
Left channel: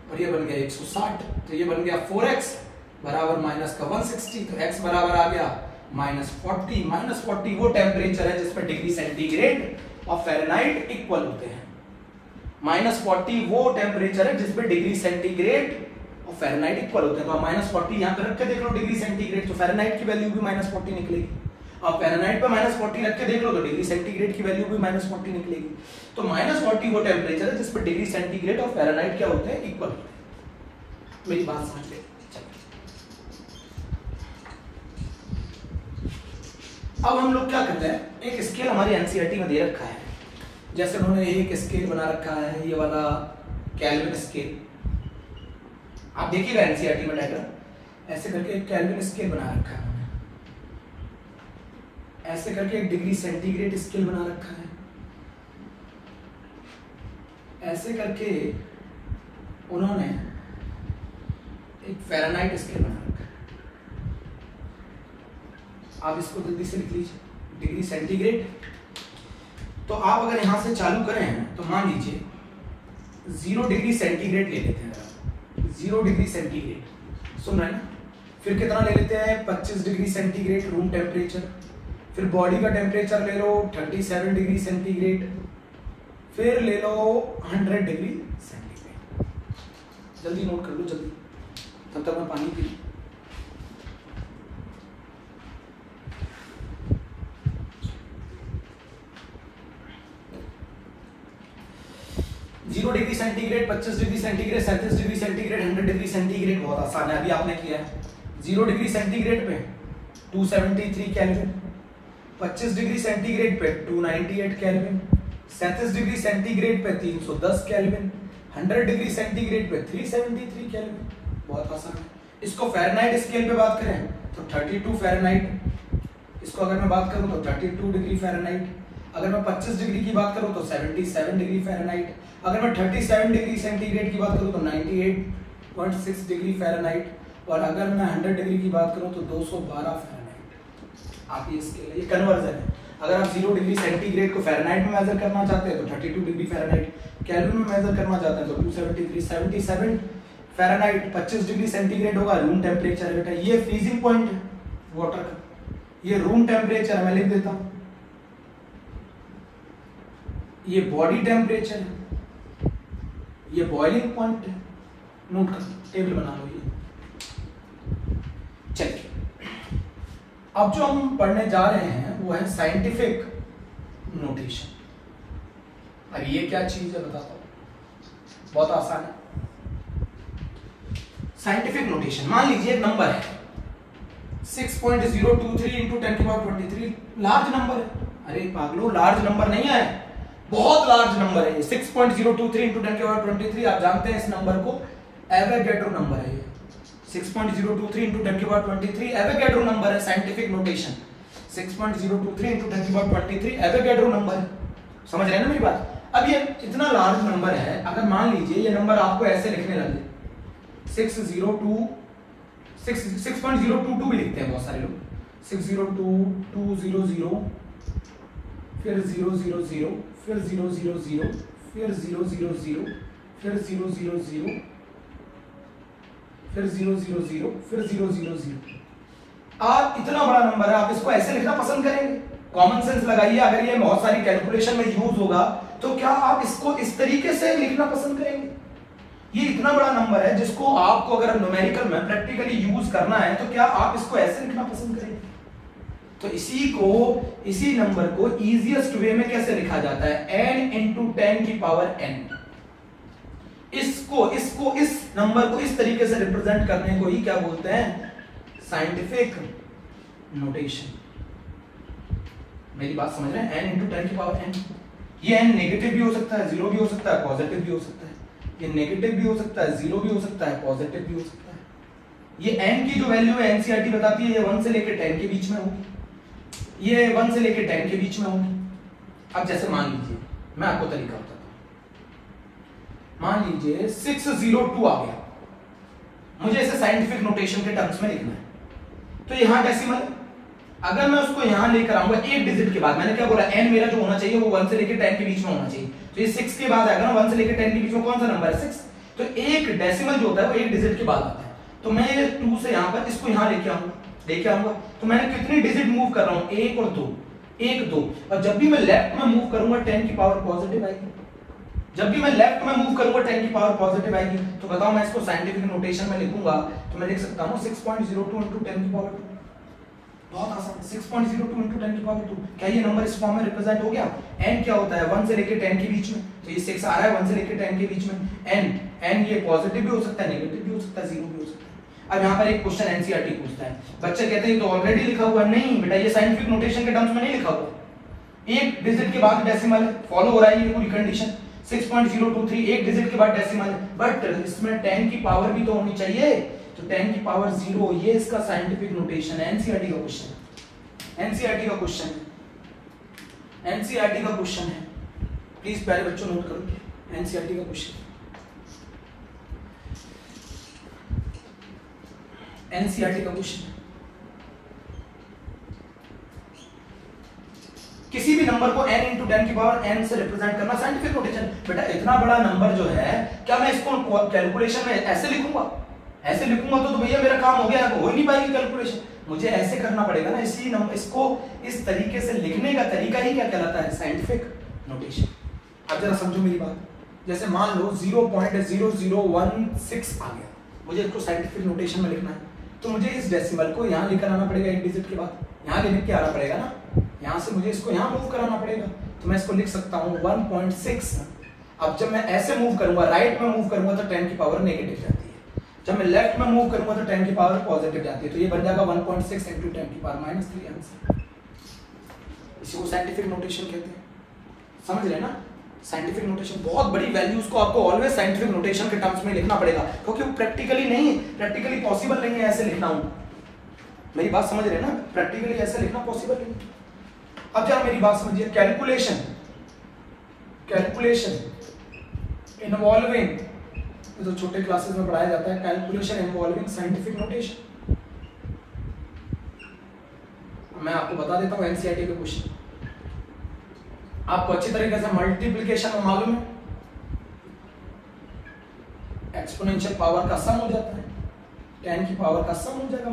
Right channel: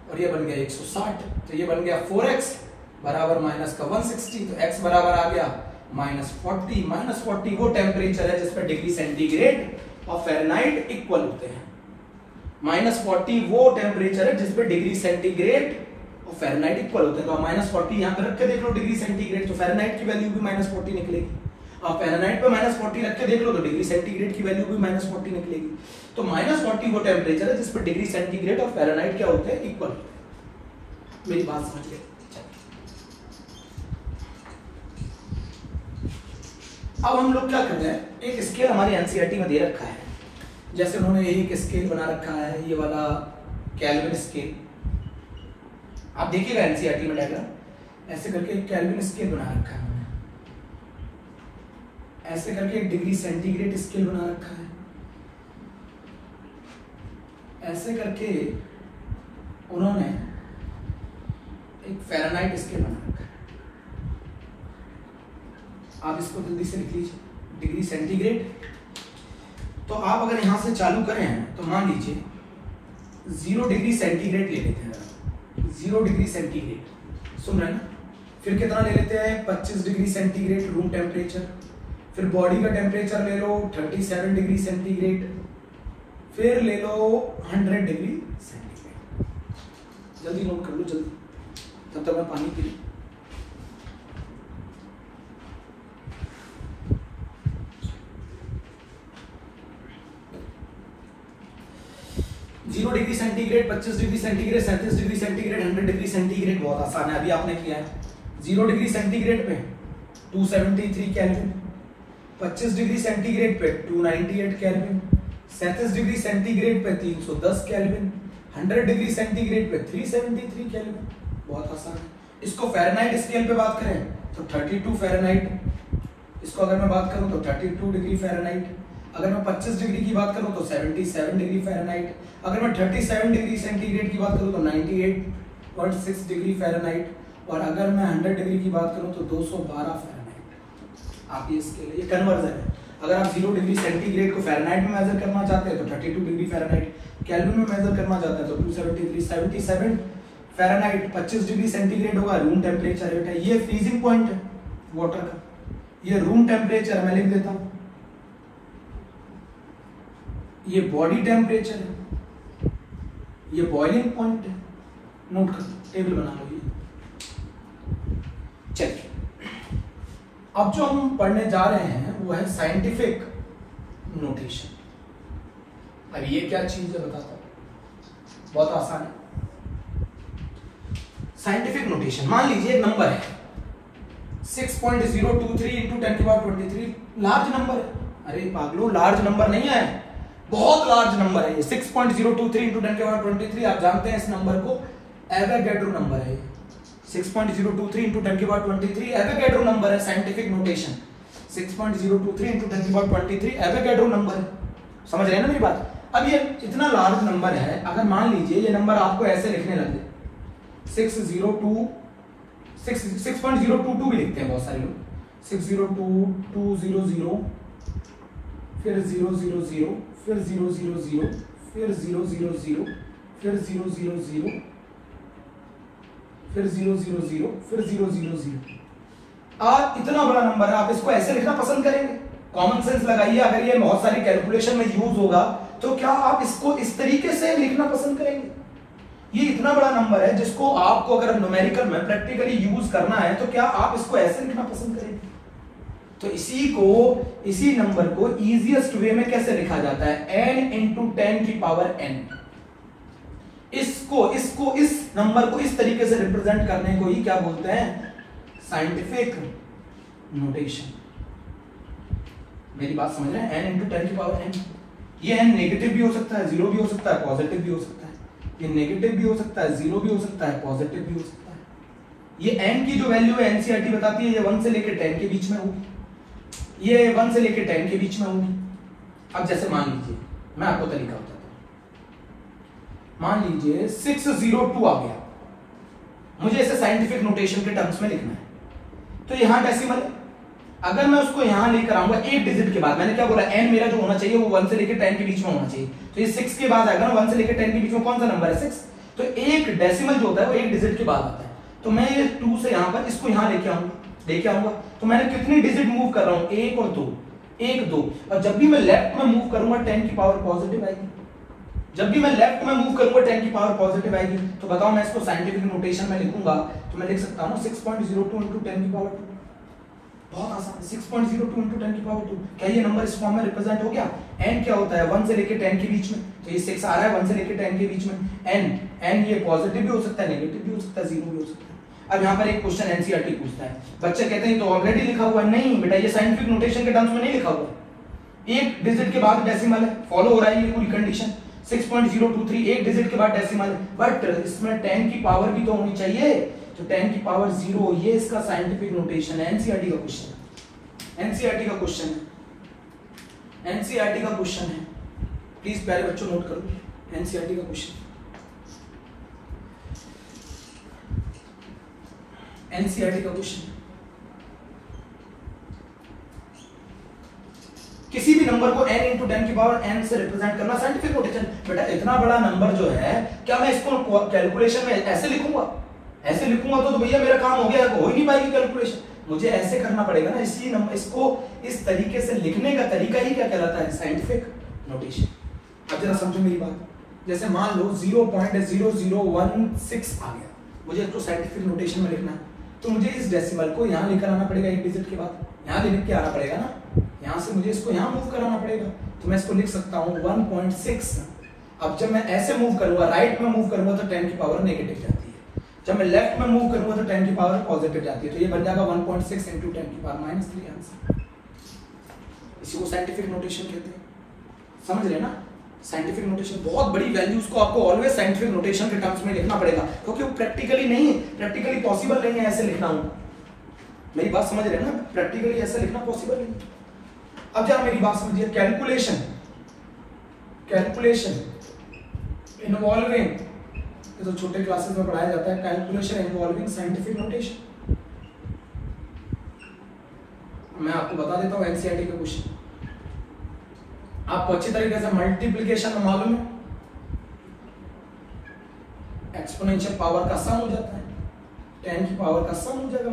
और ये बन गया 160। तो ये बन गया 4x बराबर माइनस का 160। तो x बराबर आ गया -40। -40 वो टेम्परेचर है जिसमें डिग्री सेंटीग्रेड और फ़ारेनहाइट इक्वल होते हैं। -40 वो टेम्परेचर है जिसमें डिग्री सेंटीग्रेड और फ़ारेनहाइट इक्वल होते हैं। तो -40 यहाँ पे रख के देख लो डिग्री सेंटीग्रेड, तो फ़ारेनहाइट की वैल्यू भी -40 निकलेगी। आप फ़ारेनहाइट पे -40 रख के देख लो तो डिग्री सेंटीग्रेड की वैल्यू भी -40 निकलेगी। तो -40 वो टेम्परेचर है जिसपे डिग्री सेंटीग्रेड और फ़ारेनहाइट क्या होते हैं? इक्वल। मेरी बात समझ ले। अब हम लोग क्या करते हैं, एक स्केल हमारी एनसीईआरटी में दे रखा है, जैसे उन्होंने एक स्केल बना रखा है, ये वाला केल्विन स्केल। आप देखिएगा एनसीईआरटी में डायग्राम, ऐसे करके एक केल्विन स्केल बना रखा है, ऐसे करके एक डिग्री सेंटीग्रेड स्केल बना रखा है, ऐसे करके उन्होंने एक फ़ारेनहाइट स्केल बना रखा है। आप इसको जल्दी से लिख लीजिए, डिग्री सेंटीग्रेड। तो आप अगर यहां से चालू करें तो मान लीजिए 0 डिग्री सेंटीग्रेड ले लेते हैं। 0 डिग्री सेंटीग्रेड सुन रहे हैं। फिर कितना ले लेते हैं? 25 डिग्री सेंटीग्रेड रूम टेम्परेचर। फिर बॉडी का टेम्परेचर ले लो 37 डिग्री सेंटीग्रेड। फिर ले लो 100 डिग्री सेंटीग्रेड। जल्दी नोट कर लो जल्दी, तब तक मैं पानी पी लूं। 0 degree centigrade, 25 degree centigrade, 37 degree centigrade, 100 degree centigrade बहुत आसान है, अभी आपने किया है। 0 डिग्री सेंटीग्रेड पे 273 केल्विन, 25 डिग्री सेंटीग्रेड पे 298 केल्विन, 37 डिग्री सेंटीग्रेड पे 310 केल्विन, 100 डिग्री सेंटीग्रेड पे 373 केल्विन। बहुत आसान है। इसको फ़ारेनहाइट स्केल पे बात करें तो 32 फ़ारेनहाइट, इसको अगर मैं बात करूं तो 32 डिग्री फ़ारेनहाइट, अगर मैं 25 डिग्री की बात करूं तो 77 डिग्री फ़ारेनहाइट, अगर मैं 37 डिग्री सेंटीग्रेड की बात करूं तो 98.6 डिग्री फ़ारेनहाइट, और अगर मैं 100 डिग्री की बात करूं तो 212 फ़ारेनहाइट। आप ये स्केल, ये कन्वर्जन है। अगर आप 0 डिग्री सेंटीग्रेड को फ़ारेनहाइट में मेजर करना चाहते हैं तो 32 डिग्री फ़ारेनहाइट, केल्विन में मेजर करना चाहते हैं तो 273, 77 फ़ारेनहाइट, 25 डिग्री सेंटीग्रेड होगा रूम टेम्परेचर रेट है। ये फ्रीजिंग पॉइंट है वाटर का, ये रूम टेम्परेचर मैं लिख देता हूं, ये बॉडी टेम्परेचर है, ये बॉइलिंग पॉइंट है, नोट कर टेबल बना लो ये। चलिए अब जो हम पढ़ने जा रहे हैं वो है साइंटिफिक नोटेशन। अब ये क्या चीज है बताता हूं, बहुत आसान है। साइंटिफिक नोटेशन, मान लीजिए एक नंबर है 6.023 इंटू 10⁻23, लार्ज नंबर है। अरे पागलो, लार्ज नंबर नहीं है, बहुत लार्ज नंबर है ये। 6.023 इंटू 10⁻23, आप जानते हैं इस नंबर को एवोगैड्रो नंबर है ये। 6.023 इंटू 10⁻23 एवोगैड्रो नंबर है, scientific notation. 6.023 into 10⁻23 Avogadro number है। समझ रहे हैं ना मेरी बात? अब ये इतना लार्ज नंबर है, अगर मान लीजिए ये नंबर आपको ऐसे लिखने लगे 6.022 भी लिखते हैं बहुत सारे लोग, 602,200, फिर 000, फिर 000, फिर 000, फिर 000, फिर 000, फिर 000। आप इतना बड़ा नंबर है, आप इसको ऐसे लिखना पसंद करेंगे? कॉमन सेंस लगाइए, अगर ये बहुत सारी कैलकुलेशन में यूज होगा तो क्या आप इसको इस तरीके से लिखना पसंद करेंगे? ये इतना बड़ा नंबर है जिसको आपको अगर न्यूमेरिकल में प्रैक्टिकली यूज करना है तो क्या आप इसको ऐसे लिखना पसंद करेंगे? तो इसी नंबर को इजीएस्ट वे में कैसे लिखा जाता है? n इंटू 10 की पावर n। इसको इस नंबर को इस तरीके से रिप्रेजेंट करने को ही क्या बोलते हैं? Scientific notation. मेरी बात समझ रहे हैं? n इंटू 10 की पावर n। ये n नेगेटिव भी हो सकता है, जीरो भी हो सकता है, पॉजिटिव भी हो सकता है। ये नेगेटिव भी हो सकता है, जीरो भी हो सकता है, पॉजिटिव भी हो सकता है। ये n की जो वैल्यू है एनसीईआरटी बताती है ये 1 से लेकर 10 के बीच में होगी, ये 1 से लेकर 10 के बीच में होगी। अब जैसे मान लीजिए, मैं आपको तरीका बताता हूं। मान लीजिए 602 आ गया, मुझे इसे साइंटिफिक नोटेशन के टर्म्स में लिखना है, तो यहां डेसिमल है। अगर मैं उसको यहां लेकर आऊंगा एक डिजिट के बाद, मैंने क्या बोला, n मेरा जो होना चाहिए वो 1 से लेकर 10 के बीच में होना चाहिए, तो ये 6 के बाद आएगा ना, 1 से लेकर 10 के बीच में कौन सा नंबर है? 6। तो एक डेसिमल जो होता है वो एक डिजिट के बाद आता है। तो मैं 2 से यहां पर इसको यहां लेके आऊंगा, तो मैंने कितनी डिजिट मूव कर रहा हूं? 1 और 2, 1 2। और जब भी मैं लेफ्ट में मूव करूंगा 10 की पावर पॉजिटिव आएगी। जब भी मैं लेफ्ट में मूव करूंगा 10 की पावर पॉजिटिव आएगी। तो बताओ मैं इसको साइंटिफिक नोटेशन में लिखूंगा तो मैं लिख सकता हूं 6.02 इंटू 10 की पावर 2। बहुत आसान है, 6.02 इंटू 10 की पावर 2। क्या ये नंबर इस फॉर्म में रिप्रेजेंट हो गया? n क्या होता है? 1 से लेकर 10 के बीच में, तो ये 6 आ रहा है 1 से लेकर 10 के बीच में। n ये पॉजिटिव भी हो सकता है, नेगेटिव भी हो सकता है, जीरो भी हो सकता है। अब यहाँ पर एक क्वेश्चन एनसीईआरटी पूछता है, बच्चे कहते हैं तो ऑलरेडी लिखा हुआ है। नहीं बेटा, ये साइंटिफिक नोटेशन के टर्म्स में नहीं लिखा हुआ, एक डिजिट के बाद डेसिमल है, फॉलो हो रहा है ये पूरी कंडीशन। 6.023 एक डिजिट के बाद डेसिमल है, बट इसमें 10 की पावर भी तो होनी चाहिए, तो 10 की पावर 0, ये इसका साइंटिफिक नोटेशन है। एनसीईआरटी का क्वेश्चन है, एनसीईआरटी का क्वेश्चन है, एनसीईआरटी का क्वेश्चन है। प्लीज प्यारे बच्चों नोट करो, एनसीईआरटी का क्वेश्चन, एनसीईआरटी का क्वेश्चन। किसी भी नंबर को n इंटू 10 की पावर n से रिप्रेजेंट करना साइंटिफिक नोटेशन। बेटा इतना बड़ा नंबर जो है, क्या मैं इसको कैलकुलेशन में ऐसे लिखूंगा? ऐसे लिखूंगा तो भैया मेरा काम हो गया, हो ही नहीं पाएगी कैलकुलेशन। मुझे ऐसे करना पड़ेगा ना, इसलिए इसको इस तरीके से लिखने का तरीका ही क्या कहलाता है? Scientific notation. अब जरा समझो मेरी बात, जैसे मान लो 0.0016 आ गया, मुझे इसको साइंटिफिक नोटेशन में लिखना है, तो मुझे इस डेसिमल को यहां लेकर आना पड़ेगा, एक डिजिट के बाद यहां लेकर के आना पड़ेगा ना, यहां से मुझे इसको यहां मूव कराना पड़ेगा। तो मैं इसको लिख सकता हूं 1.6। अब जब मैं ऐसे मूव करूंगा, राइट में मूव करूंगा तो 10 की पावर नेगेटिव जाती है, जब मैं लेफ्ट में मूव करूंगा तो 10 की पावर पॉजिटिव जाती है, तो ये बन जाएगा 1.6 इंटू 10 की पावर -3 आंसर। इसी को साइंटिफिक नोटेशन कहते हैं। समझ रहे ना? साइंटिफिक नोटेशन बहुत बड़ी वैल्यूज को आपको ऑलवेज साइंटिफिक नोटेशन के टर्म्स में लिखना पड़ेगा, क्योंकि वो प्रैक्टिकली पॉसिबल नहीं है ऐसे लिखना। मेरी बात समझ रहे हैं ना? प्रैक्टिकली ऐसे लिखना पॉसिबल नहीं। अब जरा मेरी बात समझिए, कैलकुलेशन इन्वॉल्विंग, ये तो छोटे क्लासेस में पढ़ाया जाता है, कैलकुलेशन इन्वॉल्विंग साइंटिफिक नोटेशन। मैं आपको बता देता हूं एनसीईआरटी के क्वेश्चन, आपको अच्छी तरीके से मल्टीप्लिकेशन में मालूम है, एक्सपोनेंशियल पावर का सम हो जाता है, 10 की पावर का सम हो जाएगा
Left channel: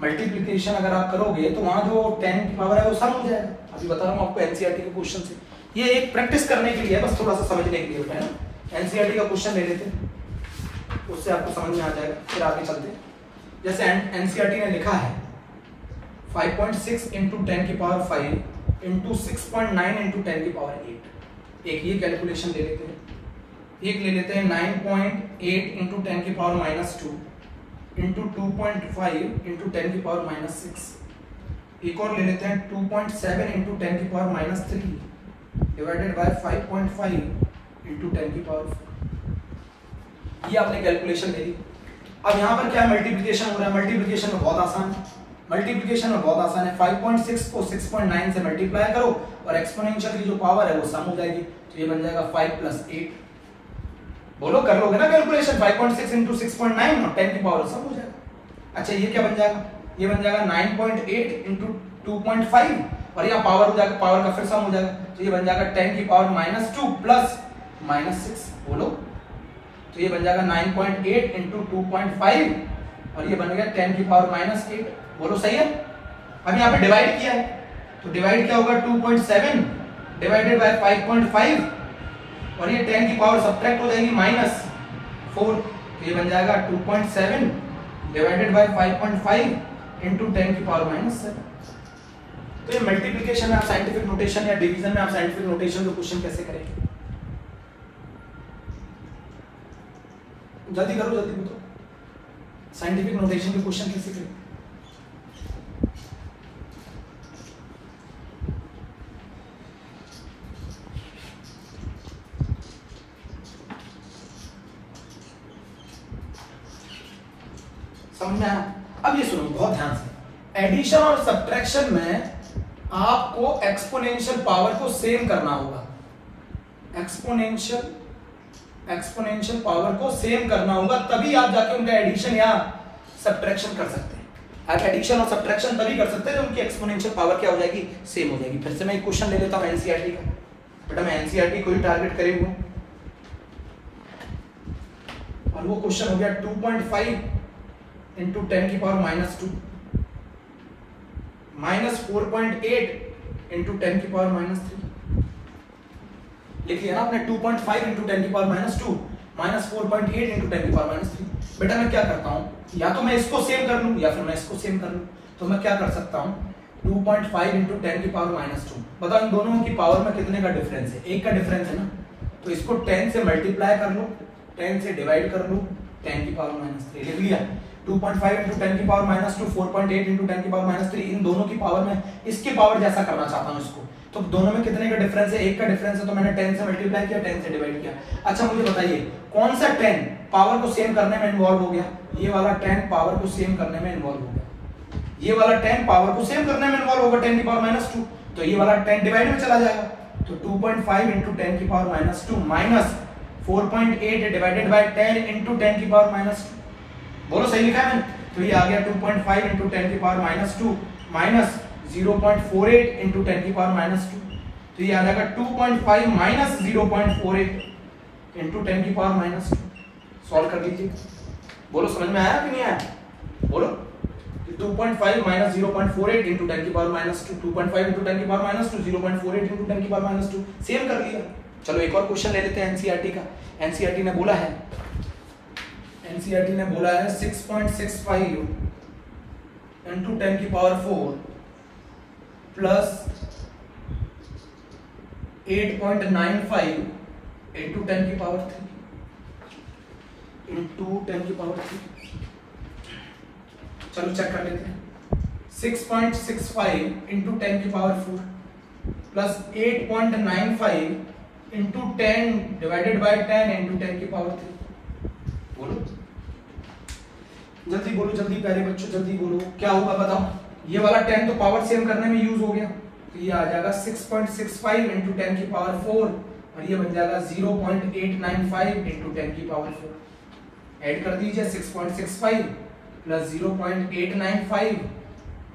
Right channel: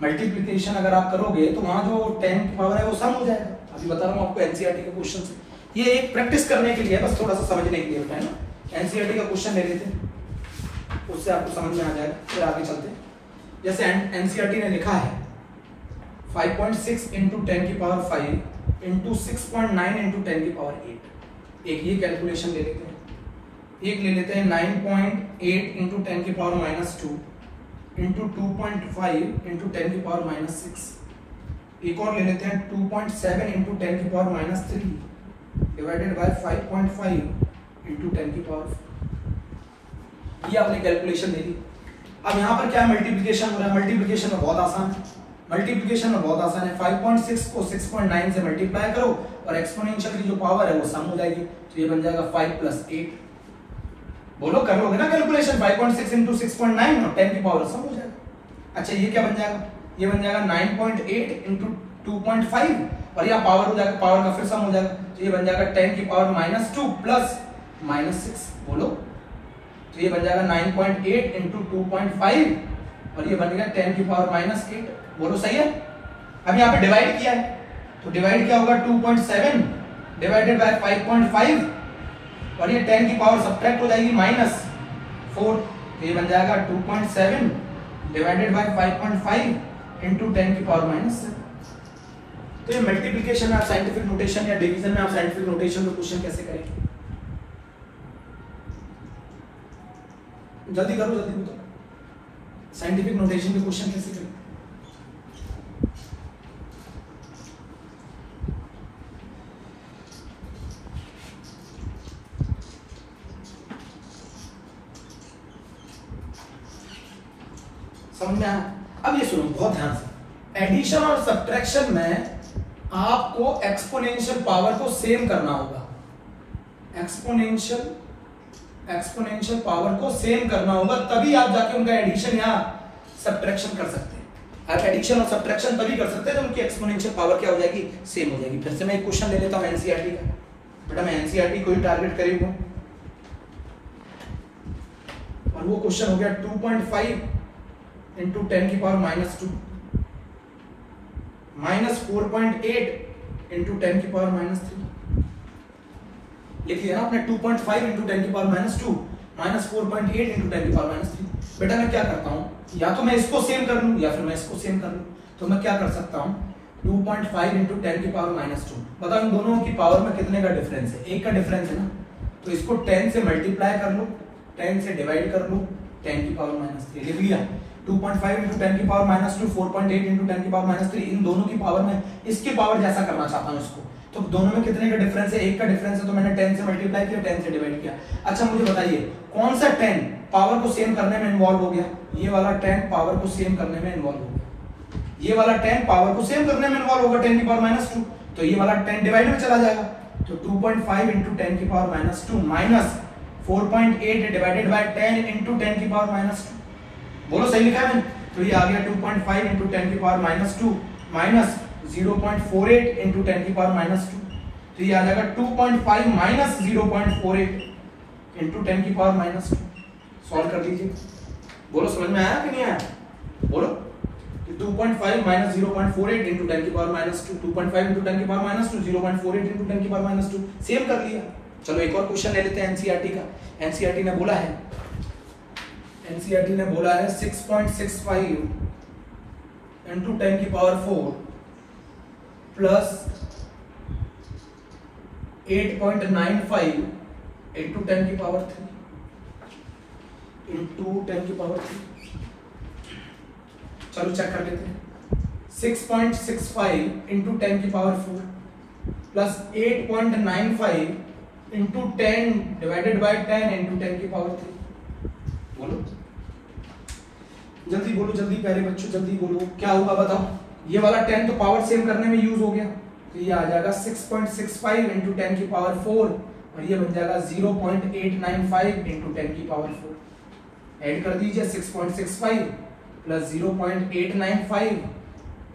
मल्टीप्लिकेशन अगर आप करोगे तो वहां जो 10 की पावर है वो सम हो जाएगा। अभी बता रहा हूं आपको एनसीईआरटी के क्वेश्चन से। ये एक प्रैक्टिस करने के लिए, बस थोड़ा सा समझने के लिए होता है ना। एनसीईआरटी का क्वेश्चन ले लेते हैं, उससे आपको समझ में आ जाएगा, फिर आगे चलते हैं। जैसे एनसीईआरटी ने लिखा है 5.6 इंटू 10 की पावर 5 इंटू 6.9 इंटू 10 की पावर 8। एक ये कैलकुलेशन ले लेते हैं। एक ले लेते हैं 9.8 इंटू 10 की पावर -2 इंटू 2.5 इंटू 10 की पावर -6। एक और ले लेते हैं 2.7 इंटू 10 की पावर -3 डिवाइडेड बाय 5.5 इंटू 10 की पावर 4। ये आपने कैलकुलेशन दे दी। अब यहाँ पर क्या मल्टीप्लिकेशन हो रहा है? मल्टीप्लिकेशन में बहुत आसान है, मल्टीप्लिकेशन में बहुत आसान है। 5.6 को 6.9 से मल्टीप्लाई करो और एक्सपोनेंशियल की जो पावर है वो सम हो जाएगी, तो ये बन जाएगा 5 + 8। बोलो, कर लोगे ना कैलकुलेशन? 5.6 इंटू 6.9 और 10 की पावर सम हो जाएगा। अच्छा, ये क्या बन जाएगा? ये बन जाएगा 9.8 इंटू 2.5 और यह पावर हो जाएगा, पावर का फिर सम हो जाएगा, तो ये बन जाएगा 10 की पावर -2 प्लस -6। बोलो, तो ये बन जाएगा 9.8 इंटू 2.5 और ये बन गया 10 की पावर -8। बोलो, सही है? अब यहाँ पे डिवाइड किया है, तो डिवाइड क्या होगा? 2.7 डिवाइडेड बाय 5.5 और ये 10 की पावर सब्ट्रैक्ट हो जाएगी -4, तो ये बन जाएगा 2.7 डिवाइडेड बाय 5.5 इंटू 10 की पावर -7। तो ये मल्टीप्लिकेशन में आप साइंटिफिक नोटेशन या डिवीजन में आप साइंटिफिक नोटेशन का क्वेश्चन कैसे करेंगे? जल्दी करो, जल्दी बताओ, साइंटिफिक नोटेशन के क्वेश्चन कैसे करेंगे? समझ में आया? अब ये सुनो बहुत ध्यान से, एडिशन और सब्ट्रैक्शन में आपको एक्सपोनेंशियल पावर को सेम करना होगा। एक्सपोनेंशियल पावर को सेम करना होगा, तभी आप जाके उनका एडिशन या सब्ट्रैक्शन कर सकते हैं। आप एडिशन और सब्ट्रैक्शन तभी कर सकते हैं जब उनकी एक्सपोनेंशियल पावर क्या हो जाएगी? सेम हो जाएगी। फिर से मैं एक क्वेश्चन ले लेता हूं एनसीईआरटी का। बेटा, मैं एनसीईआरटी को ही टारगेट करे हुआ और वो क्वेश्चन हो गया 2.5 इंटू 10 की पावर -2 -4.8 इंटू 10 की पावर -3। लिख लिया ना आपने? 2.5 इंटू 10 की पावर -2 -4.8 इंटू 10 की पावर -3। बेटा, मैं क्या करता हूं, या तो मैं इसको सेम कर लूं या फिर मैं इसको सेम कर लूं। तो मैं क्या कर सकता हूं, 2.5 इंटू 10 की पावर -2। बताओ इन दोनों की पावर में कितने का डिफरेंस है? 1 का डिफरेंस है ना, तो इसको 10 से मल्टीप्लाई कर लो, 10 से डिवाइड कर लो, 10 की पावर -3 लिख लिया। 2.5 इंटू 10 की पावर -2 4.8 इंटू 10 की पावर -3, इन दोनों की पावर में इसकी पावर जैसा करना चाहता हूं इसको। तो दोनों में कितने का डिफरेंस है? 1 का डिफरेंस है, तो मैंने 10 से मल्टीप्लाई किया, 10 से डिवाइड किया। अच्छा, मुझे बताइए कौन सा 10 पावर को सेम करने में इन्वॉल्व हो गया? ये वाला 10 पावर को सेम करने में इन्वॉल्व हो गया। ये वाला 10 पावर को सेम करने में इन्वॉल्व होगा 10 की पावर -2, तो ये वाला 10 डिवाइड में चला जाएगा। तो 2.5 इंटू 10 की power -2 minus 4.8 divided by 10 into 10 की पावर -2। बोलो, सही लिखा है मैंने? तो ये आ गया 2.5 इंटू 10 की पावर -2 माइनस 0.48 इंटू 10 की पावर -2, तो ये आ जाएगा 2.5 माइनस 0.48 इंटू 10 की पावर -2। सॉल्व कर लीजिए। बोलो, समझ में आया कि नहीं आया? बोलो, 2.5 माइनस 0.48 इंटू 10 की पावर -2, 2.5 इंटू 10 की पावर -2, 0.48 इंटू 10 की पावर -2, सेम कर लिया। चलो एक और क्वेश्चन ले लेते हैं एनसीईआरटी का। एनसीईआरटी ने बोला है 6.65 इंटू 10 की पावर 4 प्लस 8.95 इंटू 10 की पावर 3 इंटू 10 की पावर 3। चलो चेक कर लेते हैं। 6.65 इंटू 10 की power 4 plus 8.95 into 10 divided by 10 into 10 की पावर 3। बोलो, जल्दी बोलो, जल्दी प्यारे बच्चों, जल्दी बोलो, क्या होगा बताओ? ये वाला 10 तो पावर सेम करने में यूज हो गया, तो ये आ जाएगा 6.65 इंटू 10 की पावर 4 और ये बन जाएगा 0.895 इंटू 10 की पावर 4। ऐड कर दीजिए 6.65 प्लस 0.895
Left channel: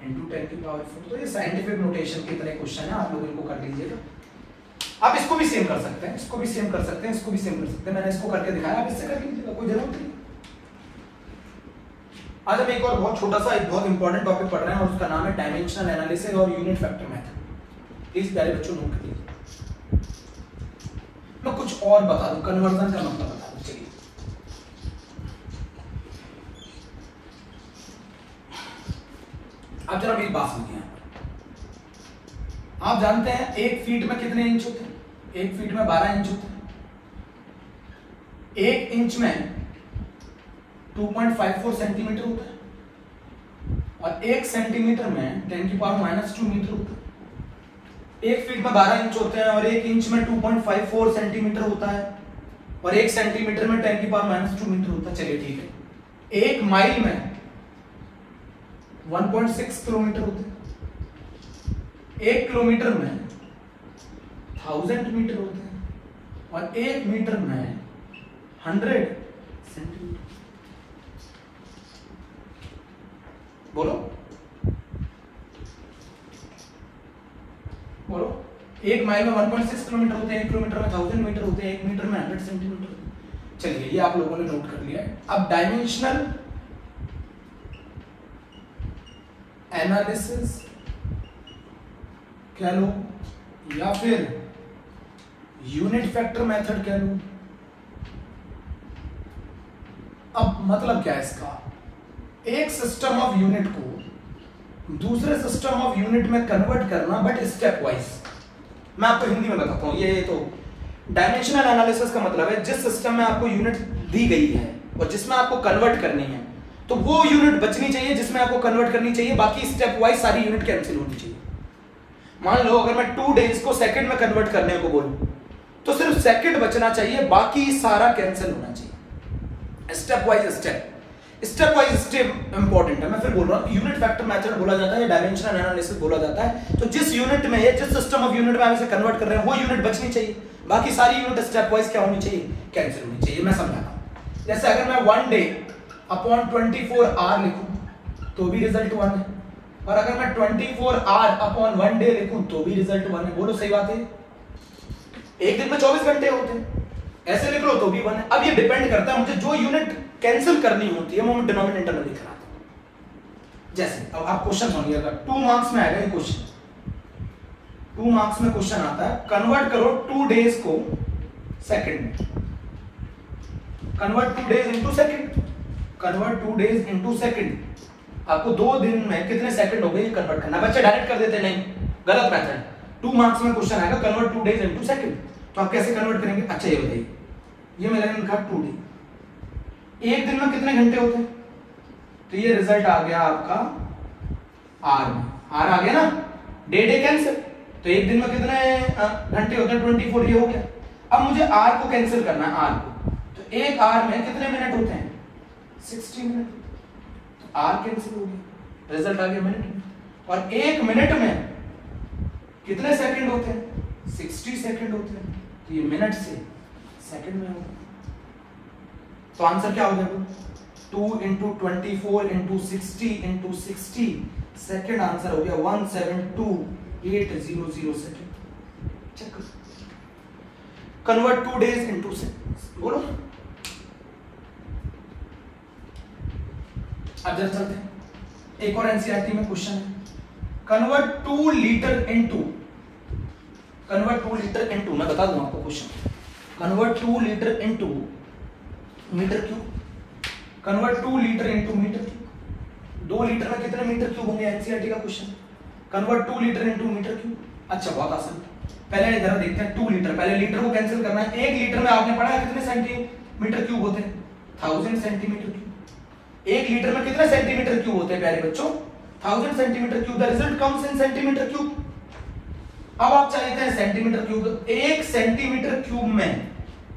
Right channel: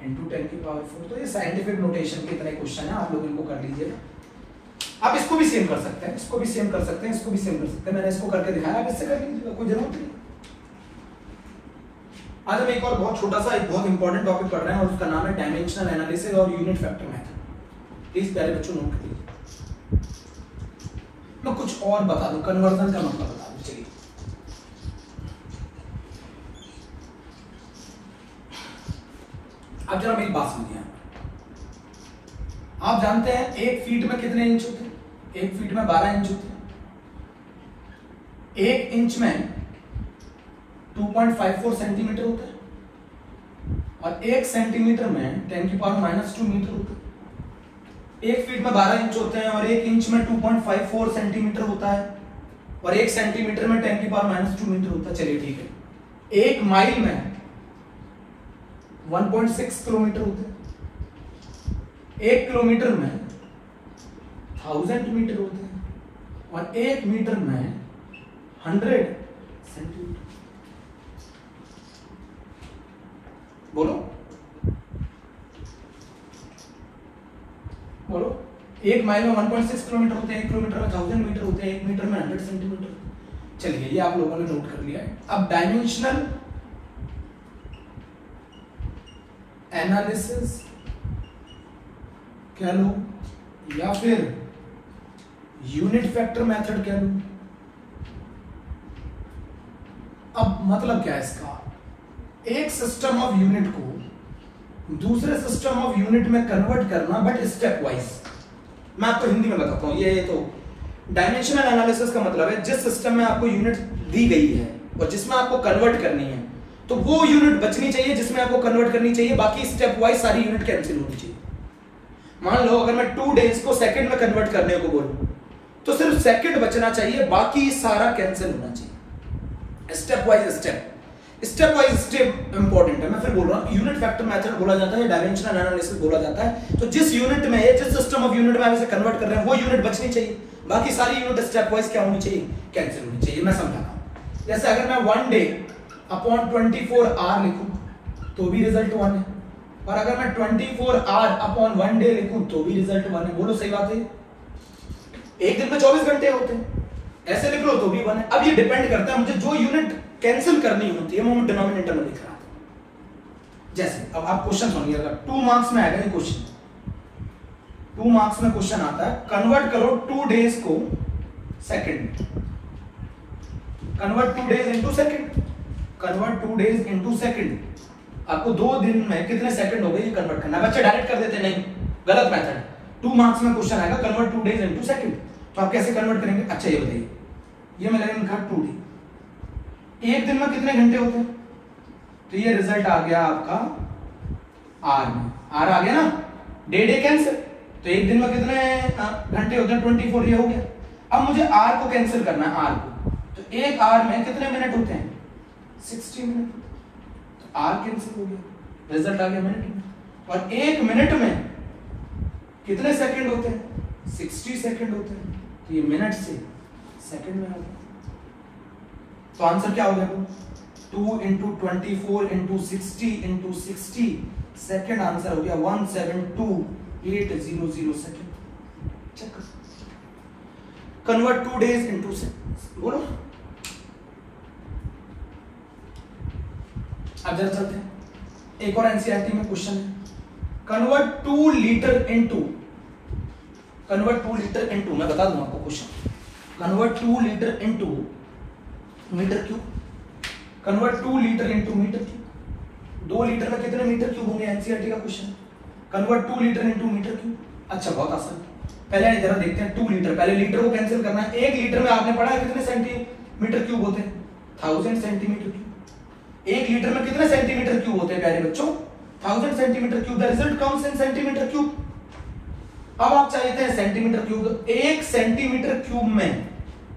इंटू 10 की पावर 4। तो ये साइंटिफिक नोटेशन के इतने क्वेश्चन है, आप लोग इनको कर लीजिएगा। आप इसको भी सेम कर सकते हैं, इसको भी सेम कर सकते हैं, इसको भी सेम कर सकते हैं। मैंने इसको करके दिखाया, आप इससे कर लीजिएगा, कोई जरूरत नहीं। आज हम एक और बहुत छोटा सा, एक बहुत इंपॉर्टेंट टॉपिक पढ़ रहे हैं और उसका नाम है डायमेंशनल एनालिसिस और यूनिट फैक्टर मेथड। प्लीज प्यारे बच्चों नोट करिए। मैं कुछ और बता दूं, कन्वर्जन का मतलब बता दूं। चलिए अब जरा मेरी बात सुनिए। आप जानते हैं 1 फीट में कितने इंच होते हैं? 1 फीट में 12 इंच होते हैं। 1 इंच में 2.54 सेंटीमीटर होता है और 1 सेंटीमीटर में 10⁻⁻² मीटर होता है। 1 फीट में 12 इंच होते हैं और 1 इंच में 2.54 सेंटीमीटर होता है और 1 सेंटीमीटर में 10⁻⁻² मीटर होता है। चलिए ठीक है, 1 माइल में 1.6 किलोमीटर होते हैं। 1 किलोमीटर में 1000 मीटर होते हैं और 1 मीटर में 100 सेंटीमीटर। बोलो बोलो, 1 माइल में 1.6 किलोमीटर होते हैं, 1 किलोमीटर में 1000 मीटर होते हैं, 1 मीटर में 100 सेंटीमीटर। चलिए ये आप लोगों ने नोट कर लिया है। अब डायमेंशनल एनालिसिस कह लो या फिर यूनिट फैक्टर मेथड कह लो। अब मतलब क्या है इसका? एक सिस्टम ऑफ यूनिट को दूसरे सिस्टम ऑफ यूनिट में कन्वर्ट करना, बट स्टेप वाइज। मैं आपको हिंदी में बताता हूं। ये तो डायमेंशनल एनालिसिस का मतलब है जिस सिस्टम में आपको यूनिट दी गई है और जिसमें आपको कन्वर्ट करनी है, तो वो यूनिट बचनी चाहिए जिसमें आपको कन्वर्ट करनी चाहिए, बाकी स्टेप वाइज सारी यूनिट कैंसिल होनी चाहिए। मान लो अगर मैं 2 डेज को सेकंड में कन्वर्ट करने को बोलूं तो सिर्फ सेकंड बचना चाहिए, बाकी सारा कैंसिल होना चाहिए। स्टेप वाइज स्टेप इंपॉर्टेंट है। मैं फिर बोल रहा हूं, यूनिट फैक्टर मेथड बोला जाता है, डायमेंशनल एनालिसिस बोला जाता है। तो जिस यूनिट में जिस सिस्टम ऑफ यूनिट में आप इसे कन्वर्ट कर रहे हैं वो यूनिट बचनी चाहिए, बाकी सारी यूनिट स्टेप वाइज क्या होनी चाहिए? कैंसिल होनी चाहिए। मैं समझाता हूं। जैसे अगर मैं 1 डे अपॉन 24 आवर लिखूं तो भी रिजल्ट 1 है, और अगर मैं 24 आवर अपॉन 1 डे लिखूं तो भी रिजल्ट 1 है। बोलो सही बात है? एक दिन में 24 घंटे होते हैं, ऐसे लिख लो तो भी 1 है। अब ये डिपेंड करता है मुझे जो यूनिट कैंसिल करनी होती है वो मैं डिनोमिनेटर में लिख रहा था। जैसे अब आप क्वेश्चन सुनिएगा, 2 मार्क्स में आएगा ये क्वेश्चन। 2 मार्क्स में क्वेश्चन आता है, कन्वर्ट करो 2 डेज को सेकंड में। Convert 2 days into second. Convert 2 days into second. आपको 2 दिन में कितने सेकंड हो गए ये कन्वर्ट करना। बच्चे डायरेक्ट कर देते नहीं, गलत मेथड। 2 मार्क्स में क्वेश्चन आएगा, कन्वर्ट 2 डेज इनटू सेकंड। तो आप कैसे कन्वर्ट करेंगे? अच्छा ये बताइए, ये मैंने लिखा 2 डे। एक दिन में कितने घंटे होते हैं? तो ये रिजल्ट आ गया आपका आर में। आर आ गया ना, डे कैंसिल। तो एक दिन में कितने घंटे होते हैं? 24। ये हो गया। अब मुझे आर को कैंसिल करना है, आर को। तो एक आर में कितने मिनट होते हैं? 60 मिनट। तो आर कैंसिल हो गया, रिजल्ट आ गया मिनट में। और एक मिनट में कितने सेकंड होते हैं? 60 सेकंड होते हैं। तो ये मिनट से सेकंड में आ गया। तो आंसर क्या हो गया? 2 × 24 × 60 × 60 सेकंड। आंसर हो गया 172,800 सेकंड। चेक करो, कन्वर्ट 2 डेज इनटू सेकंड्स। बोलो अब जरा चलते हैं, एक और एनसीईआरटी में क्वेश्चन है। कन्वर्ट 2 लीटर इनटू, मैं बता दूं आपको question. Convert 2 litre into metre cube. Convert 2 litre into metre cube. 2 litre में कितने मीटर क्यूब होंगे? एनसीईआरटी का question. Convert 2 litre into metre cube. अच्छा बहुत आसान। पहले इधर देखते हैं 2 लीटर। पहले लीटर को कैंसिल करना है। 1 लीटर में आपने पढ़ा है कितने सेंटीमीटर क्यूब होते हैं? 1000 सेंटीमीटर क्यूब। 1 लीटर में कितने सेंटीमीटर क्यूब होते हैं प्यारे बच्चों? 1000 centimetre cube. The result comes in centimetre cube. अब आप चाहते हैं सेंटीमीटर क्यूब। 1 सेंटीमीटर क्यूब में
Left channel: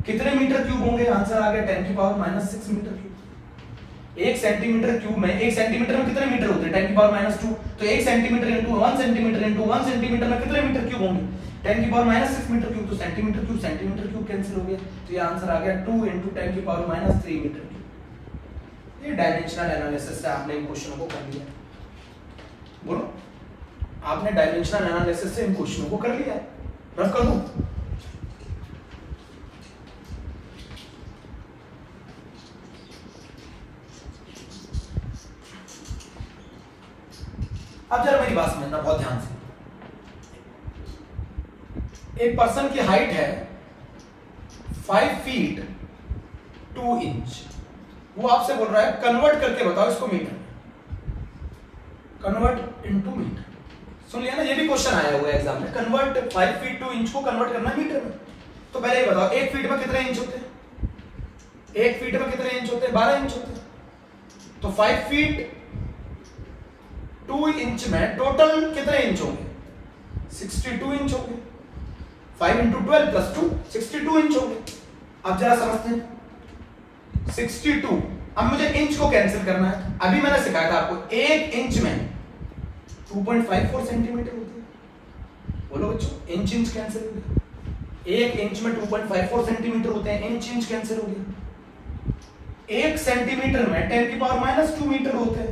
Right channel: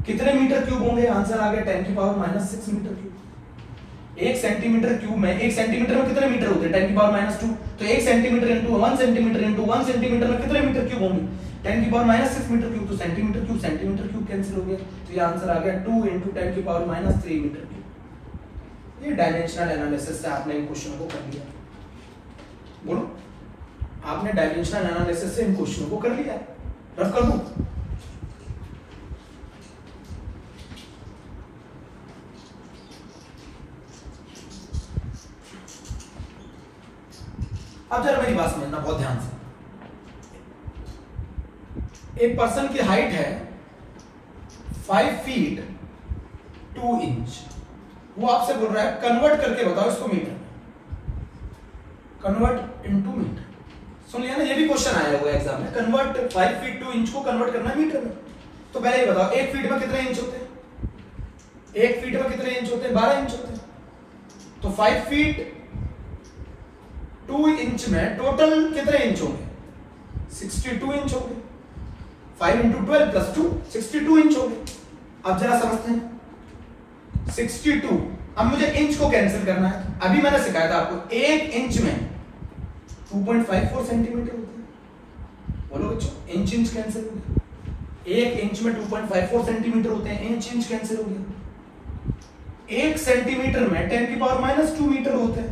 कितने मीटर क्यूब होंगे? आंसर आ गया 10⁻⁻6 मीटर क्यूब। 1 सेंटीमीटर क्यूब में, 1 सेंटीमीटर में कितने मीटर होते हैं? 10⁻²। तो 1 centimetre into 1 centimetre into 1 centimetre में कितने मीटर क्यूब होंगे? 10⁻6 मीटर क्यूब। तो सेंटीमीटर क्यूब कैंसिल हो गया। तो ये आंसर आ गया 2 × 10⁻³ मीटर क्यूब। ये डायमेंशनल एनालिसिस से आपने इन क्वेश्चनों को कर लिया। बोलो, आपने डायमेंशनल एनालिसिस से इन क्वेश्चनों को कर लिया। रफ कर दूं? अब जरा मेरी बात समझना बहुत ध्यान से। एक पर्सन की हाइट है 5 फीट 2 इंच, वो आपसे बोल रहा है कन्वर्ट करके बताओ इसको मीटर, कन्वर्ट इनटू मीटर। सुन लिया ना, ये भी क्वेश्चन आया हुआ है एग्जाम में, कन्वर्ट 5 फीट 2 इंच को कन्वर्ट करना है मीटर में। तो पहले ये बताओ 1 फीट में कितने इंच होते हैं? 1 फीट में कितने इंच होते हैं? 12 इंच होते हैं। तो 5 फीट 2 इंच में टोटल कितने इंच होंगे? 62 इंच होंगे। 5 इंटू 12 प्लस 2 62 इंच होंगे। अब जरा समझते हैं 62। अब मुझे इंच को कैंसिल करना है। अभी मैंने सिखाया था आपको 1 इंच में 2.54 सेंटीमीटर होते हैं। बोलो बच्चों, इंच इंच कैंसिल हो गया। 1 इंच में 2.54 सेंटीमीटर होते हैं, इंच इंच कैंसिल हो गया। 1 सेंटीमीटर में 10 की पावर -2 मीटर होते हैं,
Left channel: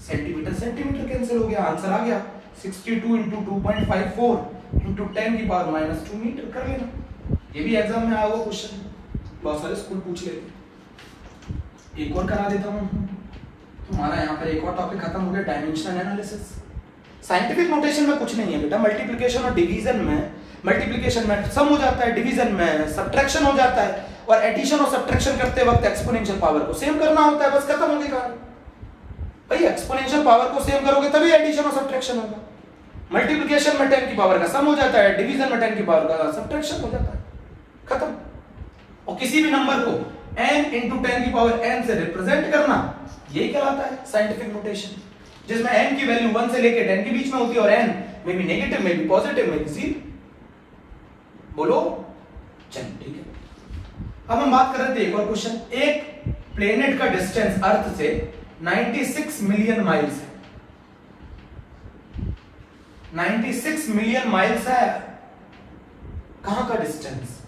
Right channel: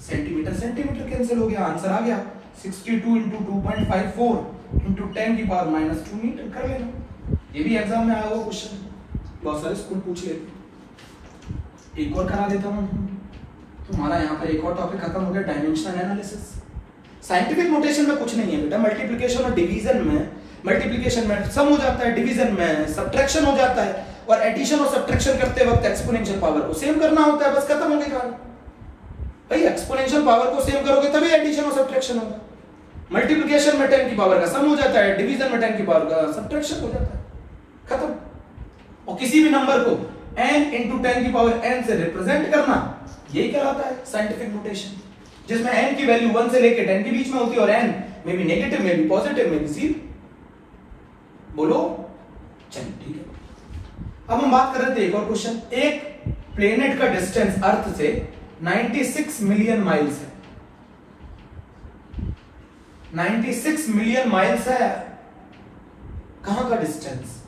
सेंटीमीटर सेंटीमीटर कैंसिल हो गया, आंसर आ गया 62 इंटू 2.54 इंटू 10 की पावर -2 मीटर। कर लेना, ये भी एग्जाम में आया हुआ क्वेश्चन, बहुत सारे स्कूल पूछ लेते। एक और करा देता हूं, तुम्हारा यहाँ पर एक और टॉपिक खत्म हो गया, डायमेंशनल एनालिसिस। साइंटिफिक नोटेशन में कुछ नहीं है बेटा, मल्टीप्लिकेशन और डिवीजन में, मल्टीप्लिकेशन में सम हो जाता है, डिवीजन में सब्ट्रैक्शन हो जाता है, और एडिशन और सब्ट्रैक्शन करते वक्त एक्सपोनेंशियल पावर को सेम करना होता है, बस खत्म हो गई कहानी। भाई एक्सपोनेंशियल पावर को सेम करोगे तभी एडिशन और सब्ट्रैक्शन होगा। मल्टीप्लिकेशन में 10 की पावर का सम हो जाता है, डिवीजन में 10 की पावर का सब्ट्रैक्शन हो जाता है, खत्म। और किसी भी नंबर को n इंटू 10 की पावर n से रिप्रेजेंट करना, यही कहलाता है साइंटिफिक नोटेशन, जिसमें n की वैल्यू 1 से लेकर 10 के बीच में होती है, और n में भी नेगेटिव में भी पॉजिटिव में भी 0। बोलो, चलिए ठीक है। अब हम बात कर रहे थे एक और क्वेश्चन, एक प्लेनेट का डिस्टेंस अर्थ से 96 मिलियन माइल्स है, 96 मिलियन माइल्स है। कहां का डिस्टेंस?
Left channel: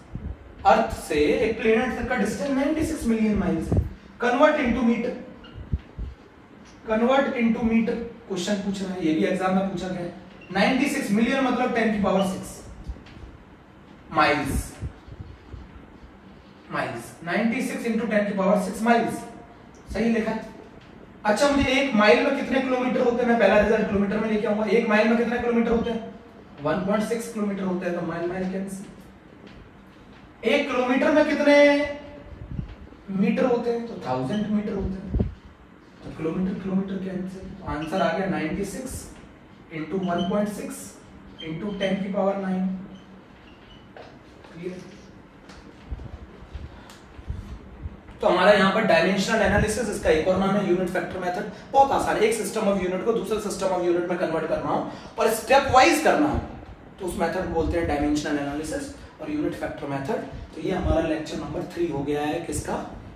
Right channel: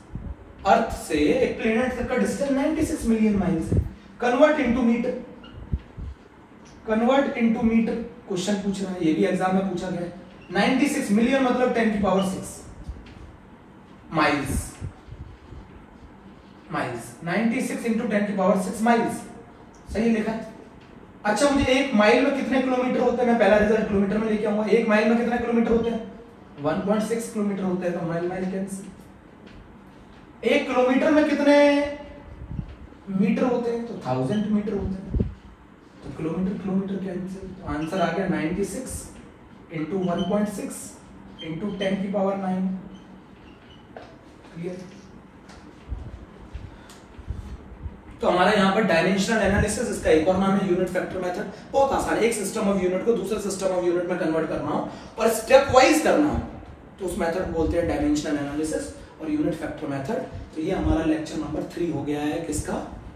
अर्थ से एक प्लेनेट तक का डिस्टेंस 96 मिलियन माइल्स है। Convert into metre, convert into metre question पूछ रहा है, ये भी एग्जाम में पूछा गया है। 96 मिलियन मतलब 10 की पावर 6 माइल्स, माइल्स 96 इंटू 10 की पावर 6 माइल्स, सही लिखा है। अच्छा, मुझे 1 माइल में कितने किलोमीटर होते हैं? मैं पहला रिजल्ट किलोमीटर में लेके आऊंगा। 1 माइल में कितने किलोमीटर होते हैं? 1.6 किलोमीटर होते हैं, तो माइल माइल कैंसिल। 1 किलोमीटर में कितने मीटर होते हैं? तो 1000 मीटर होते हैं, तो किलोमीटर किलोमीटर कैंसिल, तो आंसर आ गया 96 इंटू 1.6 इंटू 10 की पावर 9। क्लियर? तो हमारा यहाँ पर डायमेंशनल एनालिसिस, इसका एक और नाम है यूनिट फैक्टर मेथड। बहुत आसान है, एक सिस्टम ऑफ यूनिट को दूसरे सिस्टम ऑफ यूनिट में कन्वर्ट करना हो और स्टेप वाइज करना हो, तो उस मेथड को बोलते हैं डायमेंशनल एनालिसिस और यूनिट फैक्टर मेथड। तो ये हमारा लेक्चर नंबर 3 हो गया है, किसका?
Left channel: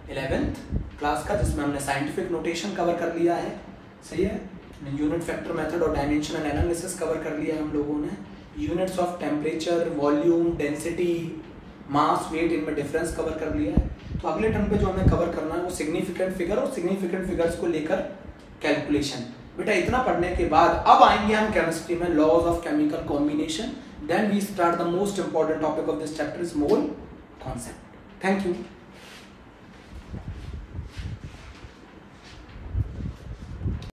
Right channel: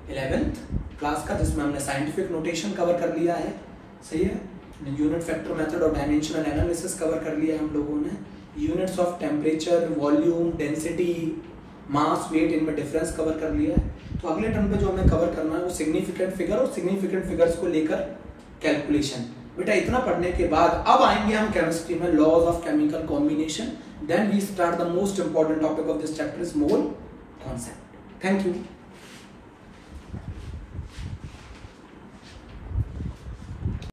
11th क्लास का, जिसमें हमने साइंटिफिक नोटेशन कवर कर लिया है, सही है। यूनिट फैक्टर मेथड और डायमेंशनल एनालिसिस कवर कर लिया हम लोगों ने। Units of temperature, volume, density, mass, weight, इनमें डिफरेंस कवर कर लिया है। तो अगले टर्म पे जो हमें कवर करना है वो सिग्निफिकेंट फिगर और सिग्निफिकेंट फिगर्स को लेकर कैलकुलेशन। बेटा इतना पढ़ने के बाद अब आएंगे हम केमिस्ट्री में laws of chemical combination. Then we start the most important topic of this chapter is mole concept. Thank you.